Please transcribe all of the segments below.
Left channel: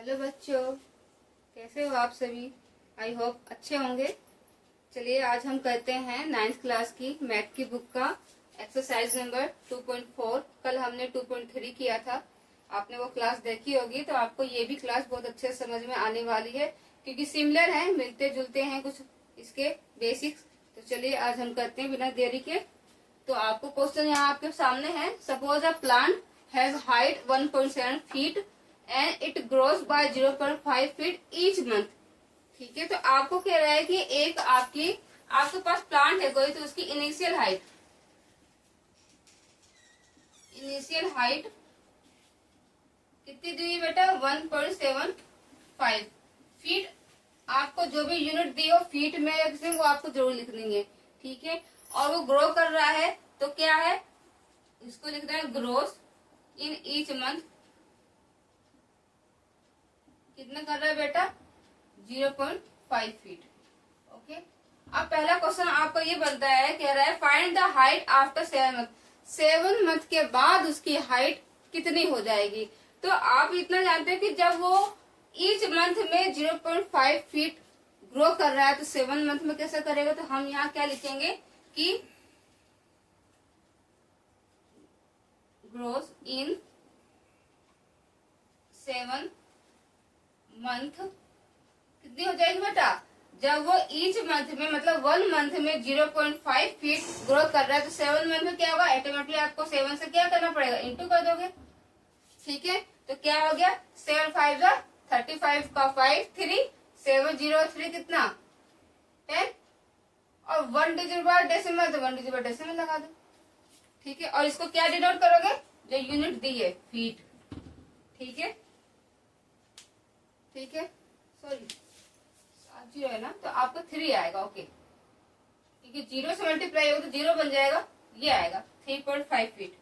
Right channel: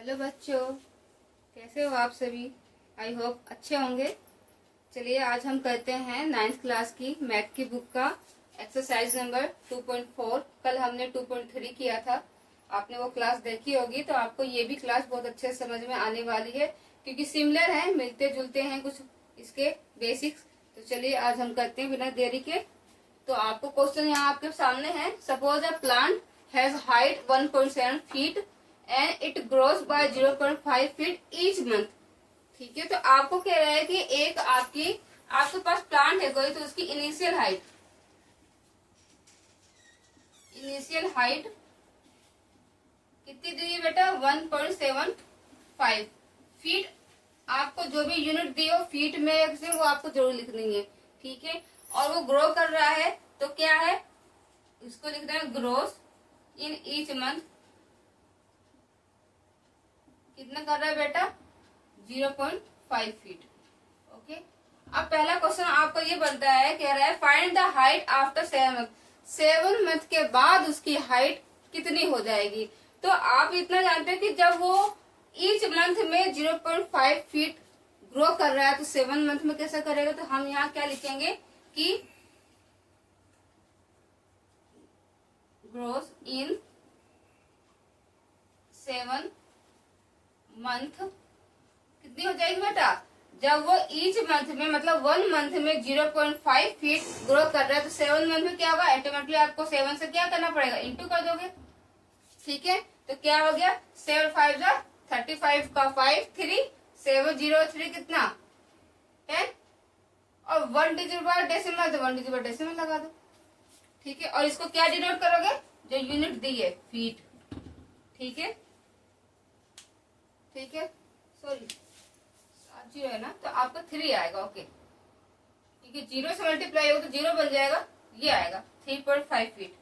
Hello बच्चों, कैसे हो आप सभी। आई होप अच्छे होंगे। चलिए आज हम करते हैं 9th क्लास की मैथ की बुक का एक्सरसाइज नंबर 2.4। कल हमने 2.3 किया था। आपने वो क्लास देखी होगी तो आपको ये भी क्लास बहुत अच्छे से समझ में आने वाली है क्योंकि सिमिलर है, मिलते जुलते हैं कुछ इसके बेसिक्स। तो चलिए आज हम करते हैं बिना देरी के। तो आपको क्वेश्चन यहाँ आपके सामने है। Suppose a plant has height 1.7 feet and it grows bye 0.5 feet each month. ठीक है, तो आपको कह रहा है कि एक आपके पास प्लांट है कोई, तो उसकी इनिशियल हाइट कितनी दी है बेटा? 1.75 फीट। आपको जो भी यूनिट दी हो फीट में से वो आपको जरूर लिखनी है। ठीक है, और वो ग्रो कर रहा है तो क्या है, इसको लिखना है ग्रोस इन ईच मंथ। कितना कर रहा है बेटा? 0.5 फीट। ओके, अब पहला क्वेश्चन आपको ये बनता है, कह रहा है find the height after 7 month. 7 month के बाद उसकी हाइट कितनी हो जाएगी। तो आप इतना जानते हैं कि जब वो ईच मंथ में 0.5 फीट ग्रो कर रहा है तो 7 मंथ में कैसे करेगा। तो हम यहाँ क्या लिखेंगे कि ग्रोस इन 7 मंथ कितनी हो जाएगी बेटा? जब वो ईच मंथ में मतलब 1 मंथ में 0.5 फीट ग्रो कर रहा है तो 7 मंथ में क्या होगा? ऑटोमेटिकली आपको 7 से क्या करना पड़ेगा? इंटू कर दोगे। ठीक है, तो क्या हो गया? 7 5 जा 35 का 5 3 7 0 3 कितना 10 और 1 डिजिट बाय डेसिमल, तो 1 डिजिट बाय डेसिमल लगा दो। ठीक है, और इसको क्या डिनोट करोगे? जो यूनिट दी है फीट। ठीक है, ठीक है, सॉरी 0 है ना, तो आपका 3 आएगा। ओके, क्योंकि 0 से मल्टीप्लाई होगा तो 0 बन जाएगा, ये आएगा 3.5 फीट।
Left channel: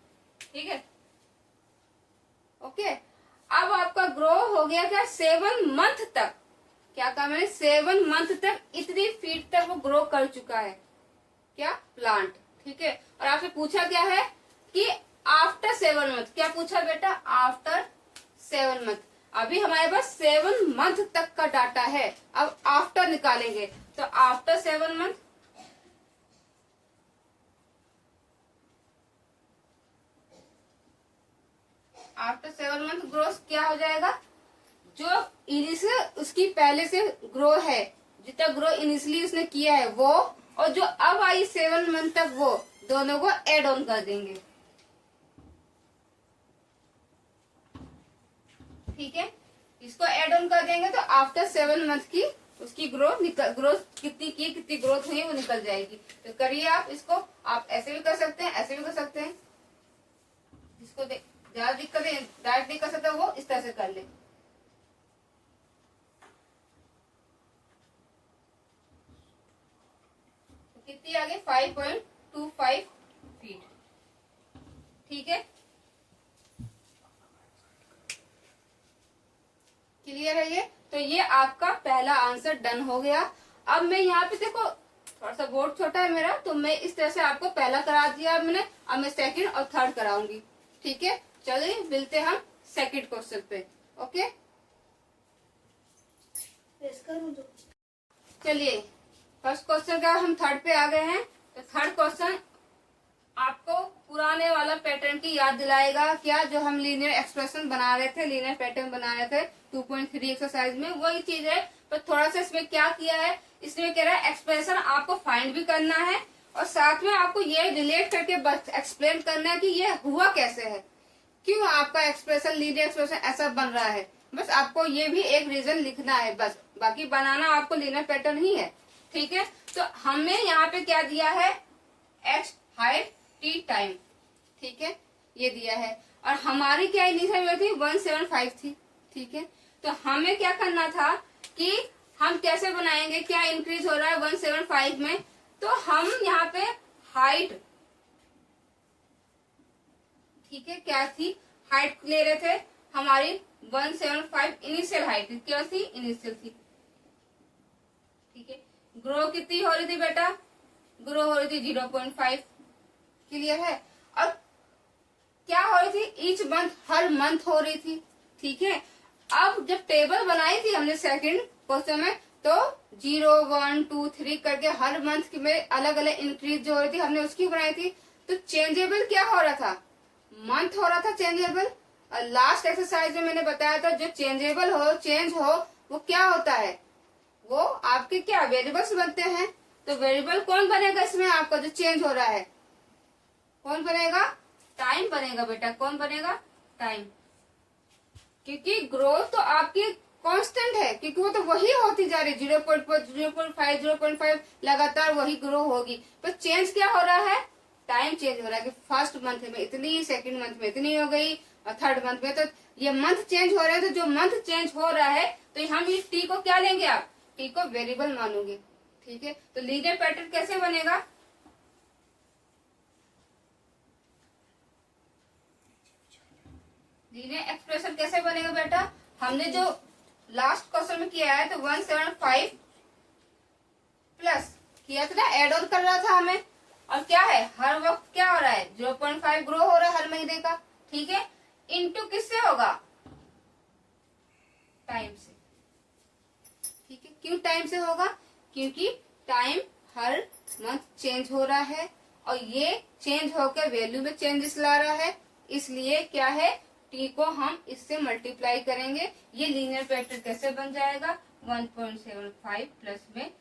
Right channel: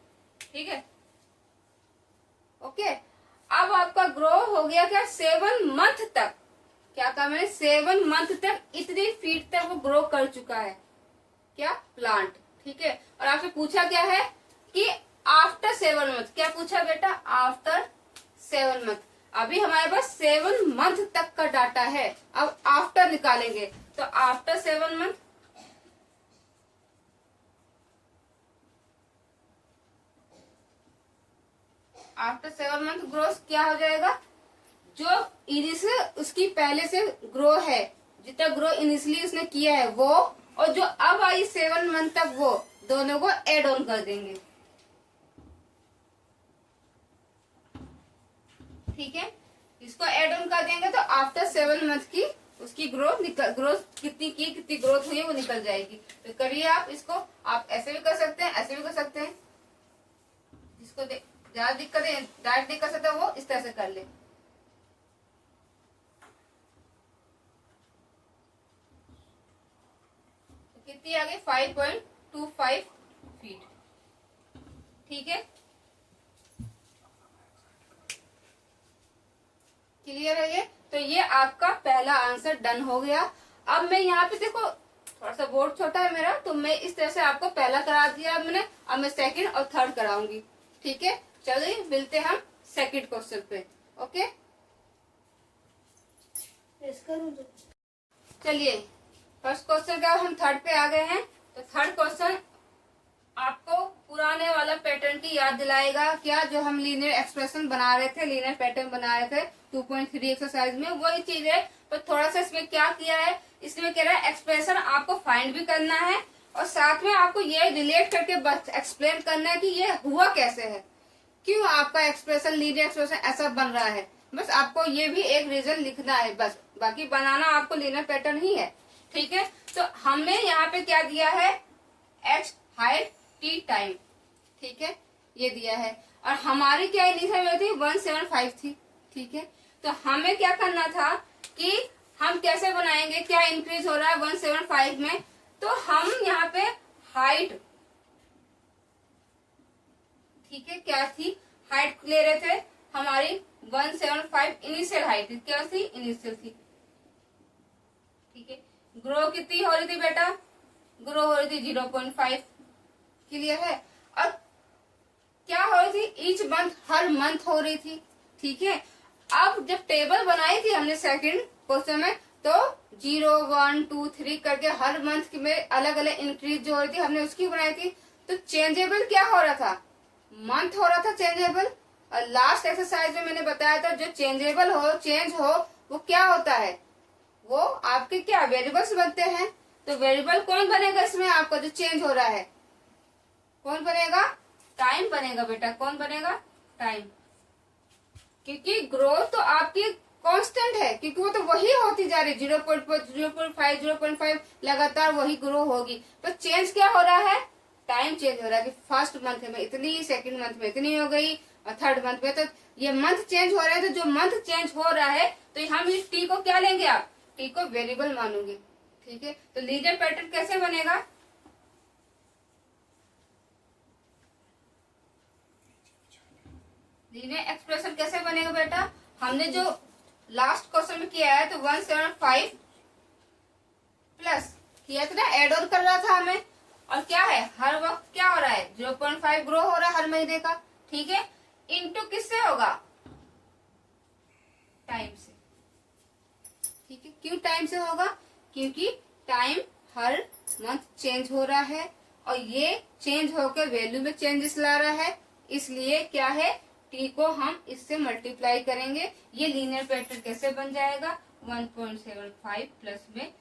ठीक है, ओके। अब आपका ग्रो हो गया क्या? 7 मंथ तक। क्या कहा मैंने? 7 मंथ तक इतनी फीट तक वो ग्रो कर चुका है क्या? प्लांट। ठीक है, और आपसे पूछा क्या है कि आफ्टर 7 मंथ। क्या पूछा बेटा? After 7 month. अभी हमारे पास 7 मंथ तक का डाटा है, अब आफ्टर निकालेंगे। तो आफ्टर 7 मंथ ग्रोथ क्या हो जाएगा? जो इनिशियल उसकी पहले से ग्रो है, जितना ग्रो इनिशियली उसने किया है वो, और जो अब आई 7 मंथ तक, वो दोनों को एड ऑन कर देंगे। ठीक है, इसको एड ऑन कर देंगे तो आफ्टर 7 मंथ की उसकी ग्रोथ कितनी ग्रोथ हुई वो निकल जाएगी। तो करिए आप इसको। आप ऐसे भी कर सकते हैं, ऐसे भी कर सकते हैं। जिसको ज्यादा दिक्कत है डायरेक्ट नहीं कर सकता वो इस तरह से कर ले। तो कितनी आ गई? 5.25 फीट। ठीक है, क्लियर है ये? तो ये आपका पहला आंसर डन हो गया। अब मैं यहाँ पे देखो थोड़ा सा बोर्ड छोटा है मेरा, तो मैं इस तरह से आपको पहला करा दिया मैंने। अब मैं सेकंड और थर्ड कराऊंगी। ठीक है, चलिए मिलते हैं हम सेकंड क्वेश्चन पे। ओके, चलिए फर्स्ट क्वेश्चन का हम थर्ड पे आ गए हैं। तो थर्ड क्वेश्चन आपको पुराने वाला पैटर्न की याद दिलाएगा। क्या? जो हम लीनियर एक्सप्रेशन बना रहे थे, लीनियर पैटर्न बना रहे थे 2.3 एक्सरसाइज में, वही चीज है। पर थोड़ा सा इसमें क्या किया है, इसमें कह रहा है एक्सप्रेशन आपको फाइंड भी करना है और साथ में आपको ये रिलेट करके एक्सप्लेन करना है कि ये हुआ कैसे है, क्यों आपका एक्सप्रेशन लीनियर एक्सप्रेशन ऐसा बन रहा है। बस आपको ये भी एक रीजन लिखना है, बस बाकी बनाना आपको लीनियर पैटर्न ही है। ठीक है, तो हमने यहाँ पे क्या दिया है? X height T time. ठीक है, ये दिया है और हमारी क्या इनिशियल में थी? 175 थी। ठीक है, तो हमें क्या करना था कि हम कैसे बनाएंगे, क्या इंक्रीज हो रहा है 175 में। तो हम यहाँ पे हाइट, ठीक है, क्या थी? हाइट ले रहे थे हमारी 175 इनिशियल हाइट क्या थी? इनिशियल थी। ठीक है, ग्रो कितनी हो रही थी बेटा? ग्रो हो रही थी 0.5। क्लियर है? और क्या हो रही थी? ईच मंथ, हर मंथ हो रही थी। ठीक है, अब जब टेबल बनाई थी हमने सेकंड क्वेश्चन में, तो 0, 1, 2, 3 करके हर मंथ में अलग अलग इंक्रीज जो हो रही थी हमने उसकी बनाई थी। तो चेंजेबल क्या हो रहा था, मंथ हो रहा था चेंजेबल। और लास्ट एक्सरसाइज में मैंने बताया था जो चेंजेबल हो, चेंज हो, वो क्या होता है, वो आपके क्या वेरिएबल्स बनते हैं। तो वेरिएबल कौन बनेगा इसमें, आपका जो चेंज हो रहा है कौन बनेगा, टाइम बनेगा बेटा। कौन बनेगा, टाइम। क्योंकि ग्रोथ तो आपकी कांस्टेंट है, क्योंकि वो तो वही होती जा रही है, 0.5, 0.5 लगातार वही ग्रो होगी। तो चेंज क्या हो रहा है, टाइम चेंज हो रहा है कि फर्स्ट मंथ में इतनी, सेकंड मंथ में इतनी हो गई, और थर्ड मंथ में। तो ये मंथ चेंज हो रहे हैं, तो जो मंथ चेंज हो रहा है तो हम इस टी को क्या लेंगे, आप टी को वेरिएबल मानोगे। ठीक है, तो लीनियर पैटर्न कैसे बनेगा, लीनियर एक्सप्रेशन कैसे बनेगा बेटा। हमने जो लास्ट क्वेश्चन में किया है तो 175 प्लस किया था ना, एड ऑन कर रहा था हमें। और क्या है, हर वक्त क्या हो रहा है, 0.5 ग्रो हो रहा है हर महीने का। ठीक है, इनटू किससे होगा, टाइम से। ठीक है, क्यों टाइम से होगा, क्योंकि टाइम हर मंथ चेंज हो रहा है और ये चेंज होकर वैल्यू में चेंजेस ला रहा है। इसलिए क्या है, टी को हम इससे मल्टीप्लाई करेंगे। ये लीनियर पैटर्न कैसे बन जाएगा, 1.75 प्लस में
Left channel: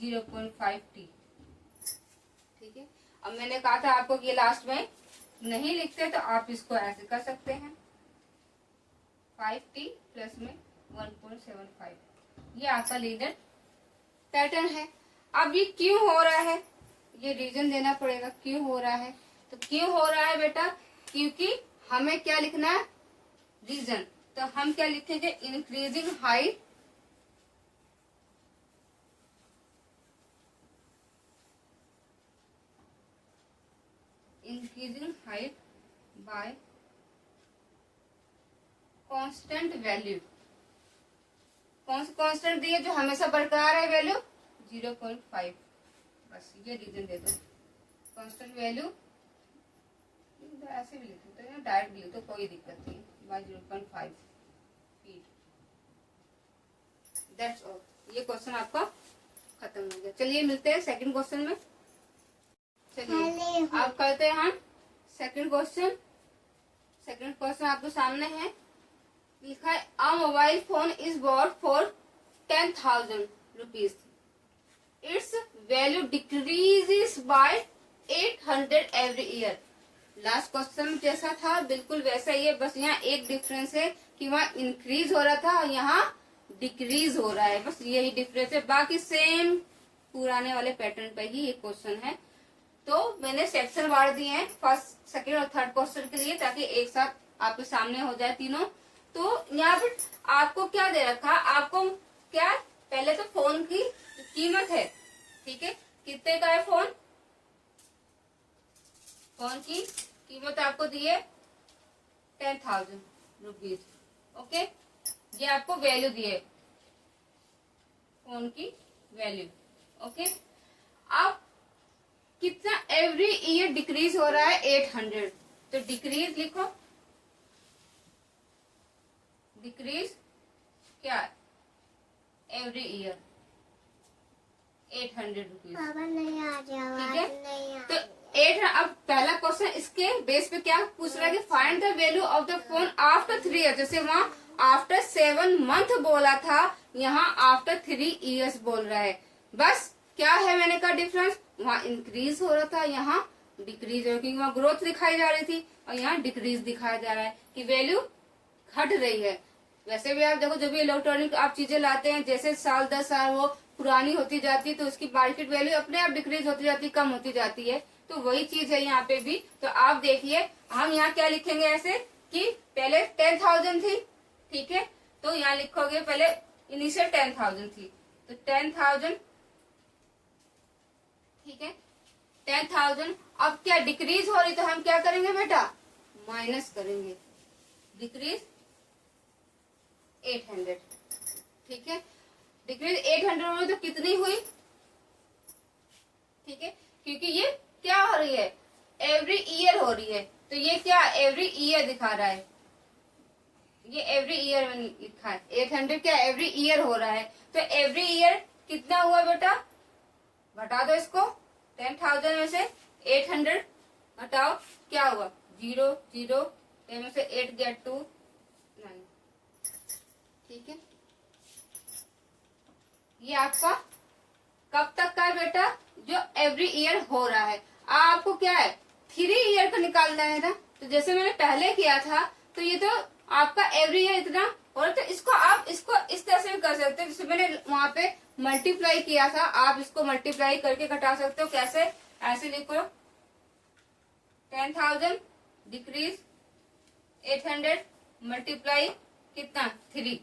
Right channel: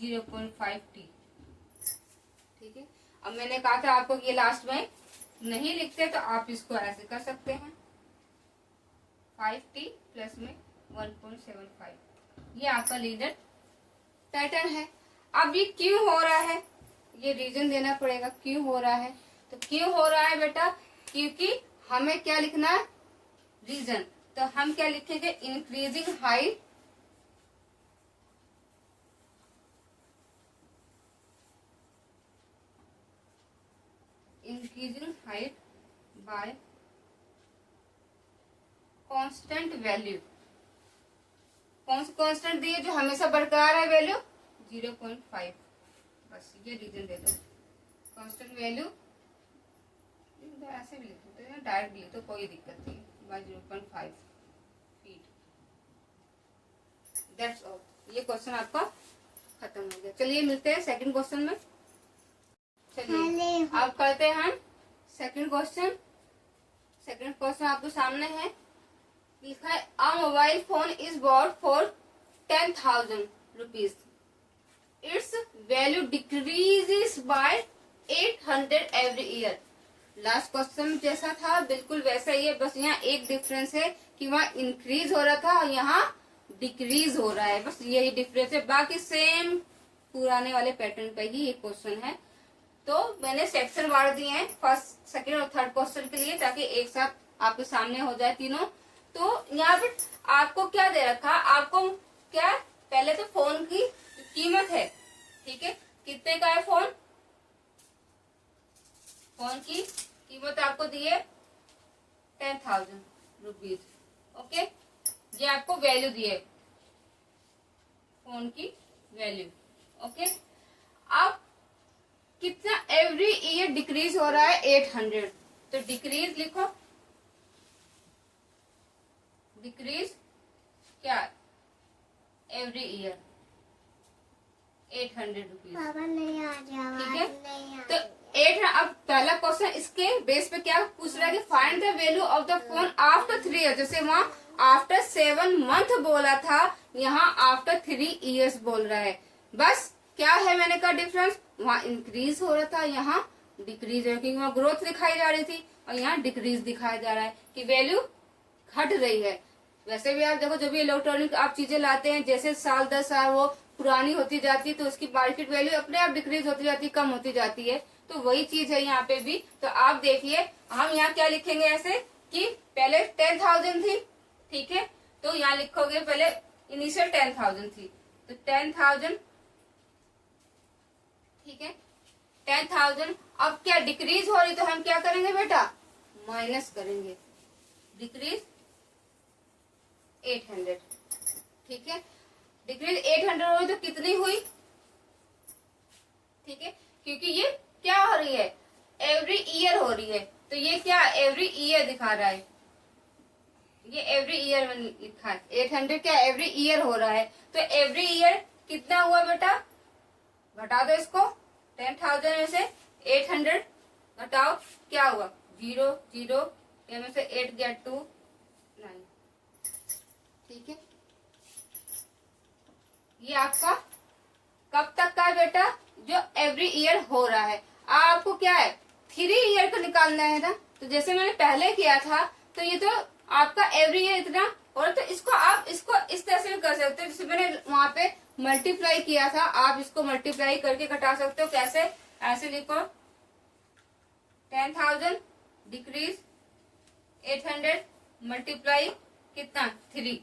0.5 टी। ठीक है, अब मैंने कहा था आपको कि लास्ट में नहीं लिखते तो आप इसको ऐसे कर सकते हैं, 5t प्लस में 1.75। ये आपका लीनियर पैटर्न है। अब ये क्यों हो रहा है, ये रीजन देना पड़ेगा क्यों हो रहा है। तो क्यों हो रहा है बेटा, क्योंकि हमें क्या लिखना है, रीजन। तो हम क्या लिखेंगे, increasing height bye constant value. कौन सा कांस्टेंट दिए, जो हमेशा बरकरार है वैल्यू 0.5। बस ये रीजन दे दो, कांस्टेंट वैल्यू ऐसे भी लिख सकते हैं, डायरेक्ट भी लिख दो, कोई दिक्कत नहीं, बाय 0.5 फीट। That's all. ये क्वेश्चन आपका खत्म हो गया। चलिए मिलते हैं सेकंड क्वेश्चन में। चलिए अब करते हैं हम सेकंड क्वेश्चन। सेकंड क्वेश्चन आपके सामने है, लिखा है अ mobile phone is bought for 10,000 rupees, it's value decreases by 800 every year. Last question जैसा था बिल्कुल वैसा ही है, बस यहाँ एक डिफरेंस है कि वहाँ इंक्रीज हो रहा था और यहाँ डिक्रीज हो रहा है, बस यही डिफरेंस है। बाकी सेम पुराने वाले पैटर्न पर ही ये क्वेश्चन है। तो मैंने सेक्शन बांट दिए हैं फर्स्ट, सेकंड और थर्ड क्वेश्चन के लिए, ताकि एक साथ आपके सामने हो जाए तीनों। तो यहाँ पे आपको क्या दे रखा, आपको क्या, पहले तो फोन की कीमत है। ठीक है, कितने का है फोन, फोन की कीमत आपको दी है 10,000 रुपीज। ओके, ये आपको वैल्यू दी है, फोन की वैल्यू। ओके, अब कितना एवरी ईयर डिक्रीज हो रहा है 800, तो डिक्रीज लिखो, डिक्रीज क्या, एवरी ईयर 800 रुपीज। ठीक है, तो 8। अब पहला क्वेश्चन इसके बेस पे क्या पूछ रहा है कि find the value of the phone after 3 year. जैसे वहाँ आफ्टर 7 मंथ बोला था, यहाँ आफ्टर 3 ईयर्स बोल रहा है। बस क्या है, मैंने कहा डिफरेंस, वहाँ इंक्रीज हो रहा था, यहाँ डिक्रीज हो रहा है, क्योंकि वहाँ ग्रोथ दिखाई जा रही थी और यहाँ डिक्रीज दिखाया जा रहा है कि वैल्यू घट रही है। वैसे भी आप देखो, जब भी इलेक्ट्रॉनिक आप चीजें लाते हैं, जैसे साल 10 साल वो पुरानी होती जाती है, तो उसकी मार्केट वैल्यू अपने आप डिक्रीज होती जाती है, कम होती जाती है। तो वही चीज है यहाँ पे भी। तो आप देखिए, हम यहाँ क्या लिखेंगे ऐसे कि पहले 10,000 थी। ठीक है, तो यहाँ लिखोगे पहले इनिशियल 10,000 थी, तो 10,000। ठीक है, 10,000 अब क्या डिक्रीज हो रही, तो हम क्या करेंगे बेटा, माइनस करेंगे, डिक्रीज 800। ठीक है, डिक्रीज 800 हो रही तो कितनी हुई। ठीक है, क्योंकि ये क्या हो रही है, एवरी ईयर हो रही है, तो ये क्या एवरी ईयर दिखा रहा है, ये एवरी ईयर में लिखा है 800 क्या एवरी ईयर हो रहा है, तो एवरी ईयर कितना हुआ बेटा, घटा दो इसको 10,000 में से 800 घटाओ, क्या हुआ 0 0, में से 8 गया 2 9। ठीक है, ये आपका कब तक का है बेटा, जो एवरी ईयर हो रहा है। आपको क्या है 3 ईयर को निकालना है ना, तो जैसे मैंने पहले किया था, तो ये तो आपका एवरी ईयर इतना, और तो इसको आप इसको इस तरह से भी कर सकते हो, जैसे मैंने वहां पे मल्टीप्लाई किया था, आप इसको मल्टीप्लाई करके घटा सकते हो। कैसे, ऐसे लिखो 10,000 डिक्रीज 800 मल्टीप्लाई कितना 3।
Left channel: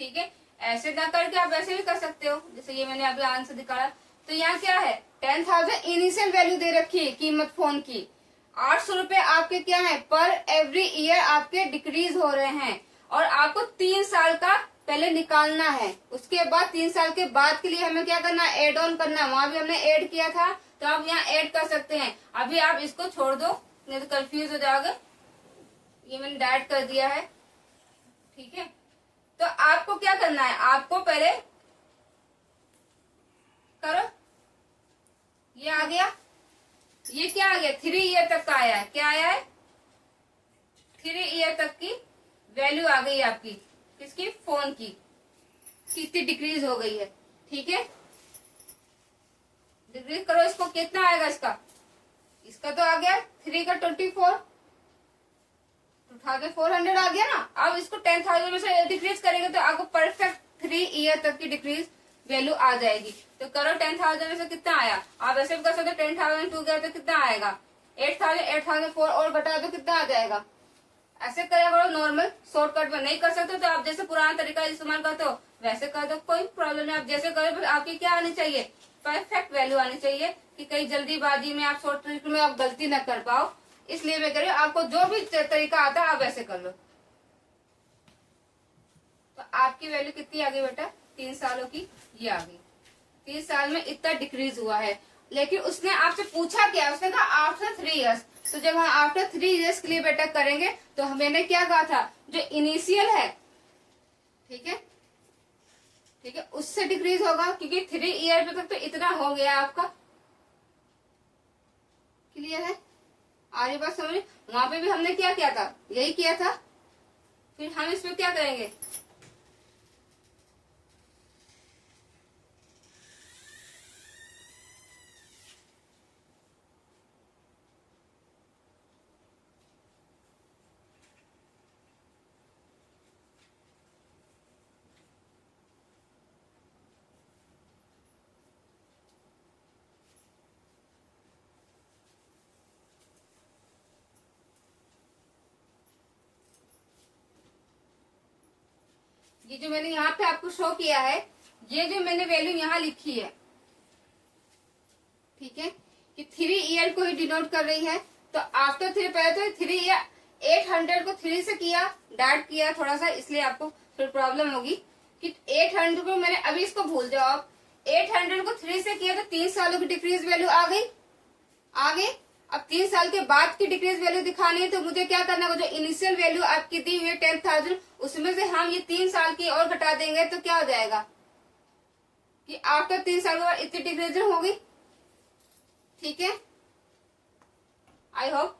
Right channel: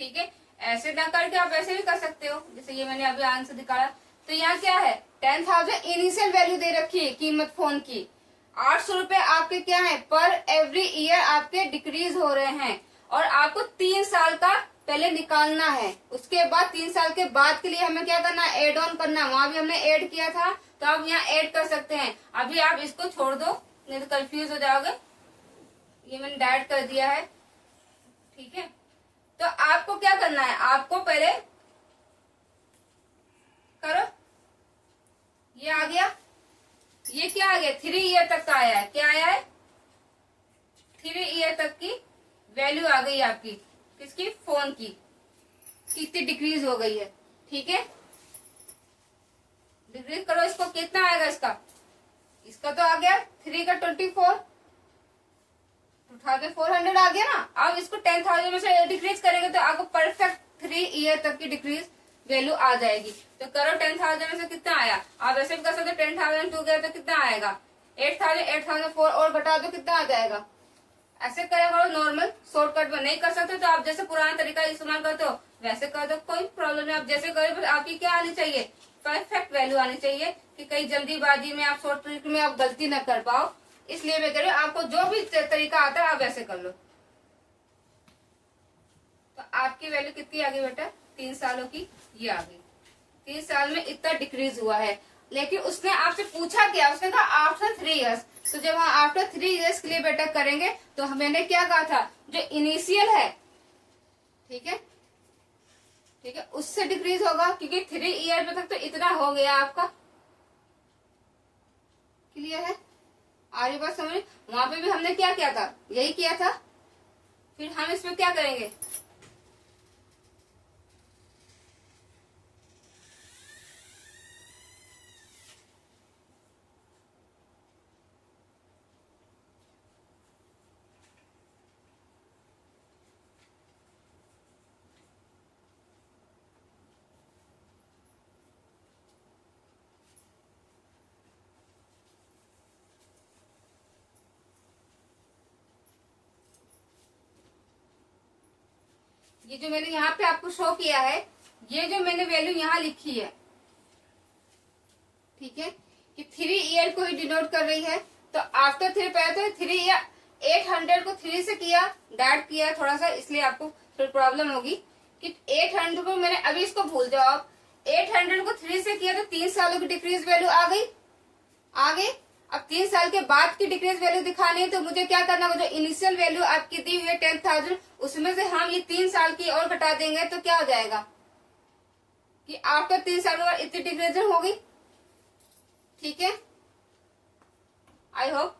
ठीक है, ऐसे ना करके आप ऐसे भी कर सकते हो, जैसे ये मैंने अभी आंसर दिखाया। तो यहाँ क्या है 10,000 इनिशियल वैल्यू दे रखी है कीमत फोन की, 800 रुपए आपके क्या है पर एवरी ईयर आपके डिक्रीज हो रहे हैं, और आपको 3 साल का पहले निकालना है। उसके बाद 3 साल के बाद के लिए हमें क्या करना है, एड ऑन करना है। वहां भी हमने ऐड किया था, तो आप यहाँ ऐड कर सकते हैं। अभी आप इसको छोड़ दो, नहीं तो कंफ्यूज हो जाओगे। ये मैंने डायरेक्ट कर दिया है। ठीक है, तो आपको क्या करना है, आपको पहले करो, ये आ गया, ये क्या आ गया 3 ईयर तक का आया है। क्या आया है 3 ईयर तक की वैल्यू आ गई आपकी, किसकी, फोन की, कितनी डिक्रीज हो गई है। ठीक है, डिक्रीज करो इसको, कितना आएगा इसका, इसका तो आ गया 3 का 2400 आ गया ना। अब इसको 10,000 में से डिक्रीज करेंगे तो आपको परफेक्ट 3 ईयर तक की डिक्रीज वैल्यू आ जाएगी। तो करो 10,000 में से कितना आया, आप ऐसे भी कर सकते हो 10,002 गया तो कितना आएगा 8,000, 8,004 और घटा दो कितना आ जाएगा। ऐसे करें करो, नॉर्मल शॉर्टकट में नहीं कर सकते तो आप जैसे पुराना तरीका इस्तेमाल करते हो वैसे कर दो, कोई प्रॉब्लम नहीं। आप जैसे करें, बस आपकी क्या आनी चाहिए, परफेक्ट वैल्यू आनी चाहिए, कि कहीं जल्दीबाजी में आप शॉर्ट ट्रिक में आप गलती न कर पाओ। इसलिए मैं कह रही हूँ आपको जो भी तरीका आता है आप वैसे कर लो। तो आपकी वैल्यू कितनी आ गई बेटा 3 सालों की, ये आ गई। 3 साल में इतना डिक्रीज हुआ है, लेकिन उसने आपसे पूछा क्या, उसने कहा आफ्टर 3 ईयर्स। तो जब हम आफ्टर 3 ईयर्स के लिए बेटा करेंगे तो मैंने क्या कहा था, जो इनिशियल है, ठीक है, ठीक है, उससे डिक्रीज होगा, क्योंकि 3 ईयर तक तो इतना हो गया आपका। क्लियर है, आ रही बात समझ। वहां पे भी हमने क्या किया था, यही किया था। फिर हम इसमें क्या करेंगे, ये जो मैंने यहाँ पे आपको शो किया है, ये जो मैंने वैल्यू यहाँ लिखी है, ठीक है, कि 3 ईयर को ही डिनोट कर रही है। तो आफ्टर 3 पहले तो 3 ईयर 800 को 3 से किया, डायरेक्ट किया थोड़ा सा, इसलिए आपको फिर प्रॉब्लम होगी कि 800 को मैंने, अभी इसको भूल जाओ आप, 800 को 3 से किया तो 3 सालों की डिक्रीज वैल्यू आ गई, आ गई। अब 3 साल के बाद की डिक्रीज वैल्यू दिखानी है, तो मुझे क्या करना है, जो इनिशियल वैल्यू आपकी दी हुई है 10,000, उसमें से हम ये 3 साल की और घटा देंगे, तो क्या हो जाएगा कि आफ्टर 3 साल के बाद इतनी डिक्रीज होगी। ठीक है, आई होप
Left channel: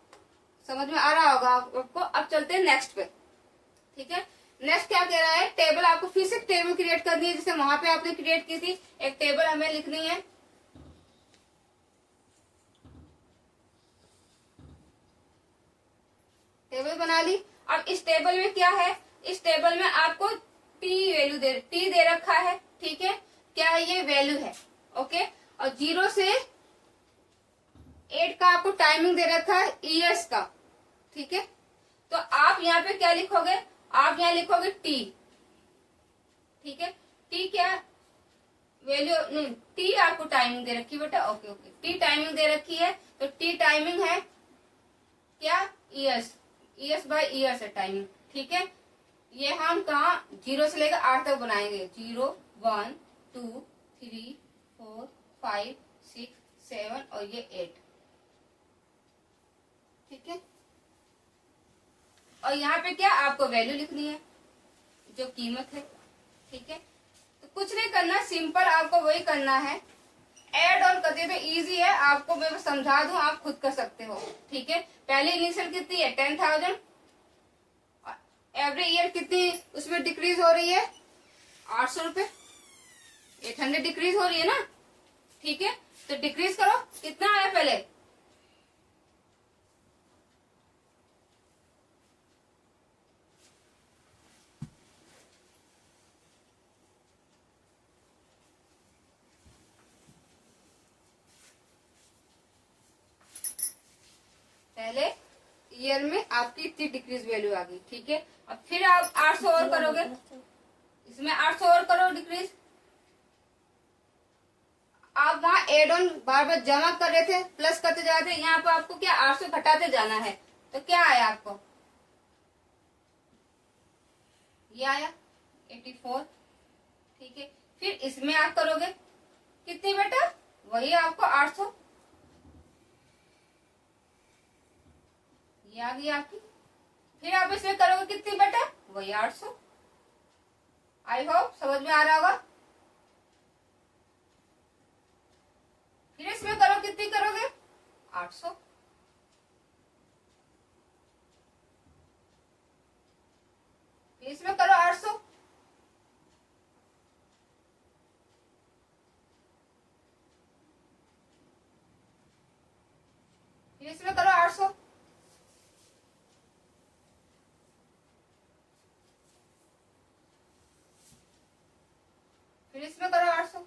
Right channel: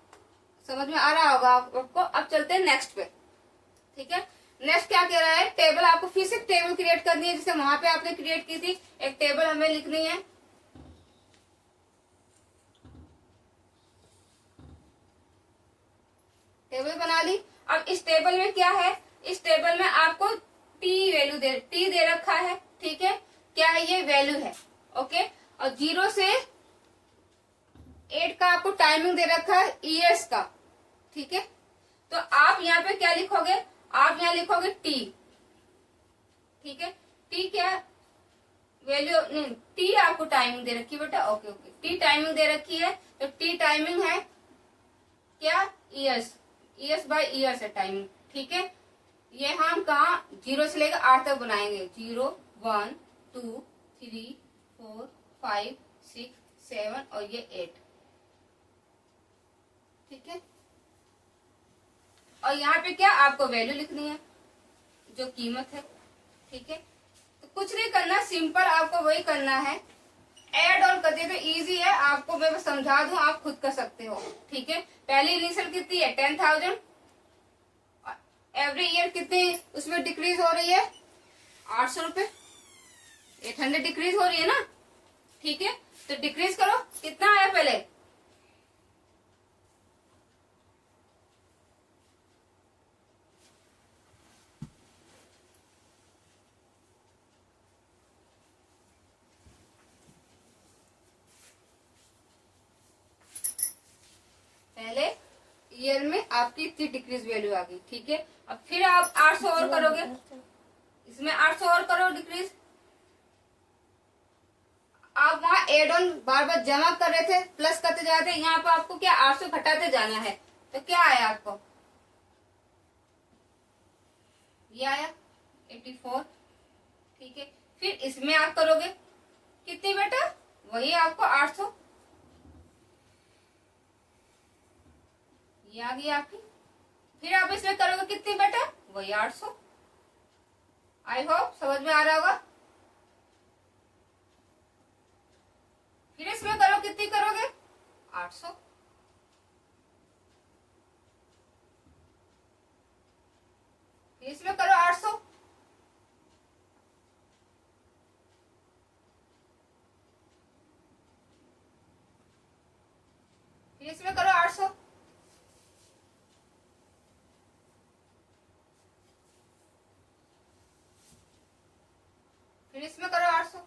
समझ में आ रहा होगा आपको। अब चलते हैं नेक्स्ट पे। ठीक है, नेक्स्ट क्या कह रहा है, टेबल, आपको फिर से टेबल क्रिएट करनी है, जैसे वहां पे आपने क्रिएट की थी, एक टेबल हमें लिखनी है। टेबल बना ली। अब इस टेबल में क्या है, इस टेबल में आपको टी दे रखा है। ठीक है, क्या है, ये वैल्यू है। ओके, और 0 से 8 का आपको टाइमिंग दे रखा है ईयर्स का। ठीक है, तो आप यहाँ पे क्या लिखोगे, आप यहाँ लिखोगे टी। ठीक है, टी क्या वैल्यू, नहीं, टी आपको टाइमिंग दे रखी है बेटा। ओके ओके, टी टाइमिंग दे रखी है, तो टी टाइमिंग है क्या, ईयर्स, ईयर्स बाय ईयर्स है टाइमिंग। ठीक है, ये हम कहा 0 से लेकर 8 तक बनाएंगे, 0 1 2 3 4 5 6 7 और ये 8। ठीक है, और यहाँ पे क्या आपको वैल्यू लिखनी है, जो कीमत है। ठीक है, तो कुछ नहीं करना, सिंपल आपको वही करना है। ऐड और करते तो इजी है, आपको मैं बस समझा दूं, आप खुद कर सकते हो। ठीक है, पहले इनिशियल कितनी है 10,000, एवरी ईयर कितनी उसमें डिक्रीज हो रही है 800 रुपए, 800 डिक्रीज हो रही है ना। ठीक है, तो डिक्रीज करो, कितना आया पहले, पहले ईयर में आपकी इतनी डिक्रीज वैल्यू आ गई। ठीक है, अब फिर आप 800 और करोगे, इसमें 800 और करो डिक्रीज। आप वहां एड ऑन बार बार जमा कर रहे थे, प्लस करते जाते, यहाँ पर आपको क्या 800 घटाते जाना है, तो क्या आया आपको, ये आया 84। ठीक है, फिर इसमें आप करोगे कितनी बेटा, वही आपको 800, ये आ गई आपकी। फिर आप इसमें करोगे कितनी बेटा, वही 800। आई होप समझ में आ रहा होगा। फिर इसमें करो, कितनी करोगे 800, फिर इसमें करो 800, फिर इसमें करो 800, फिर इसमें करो 800।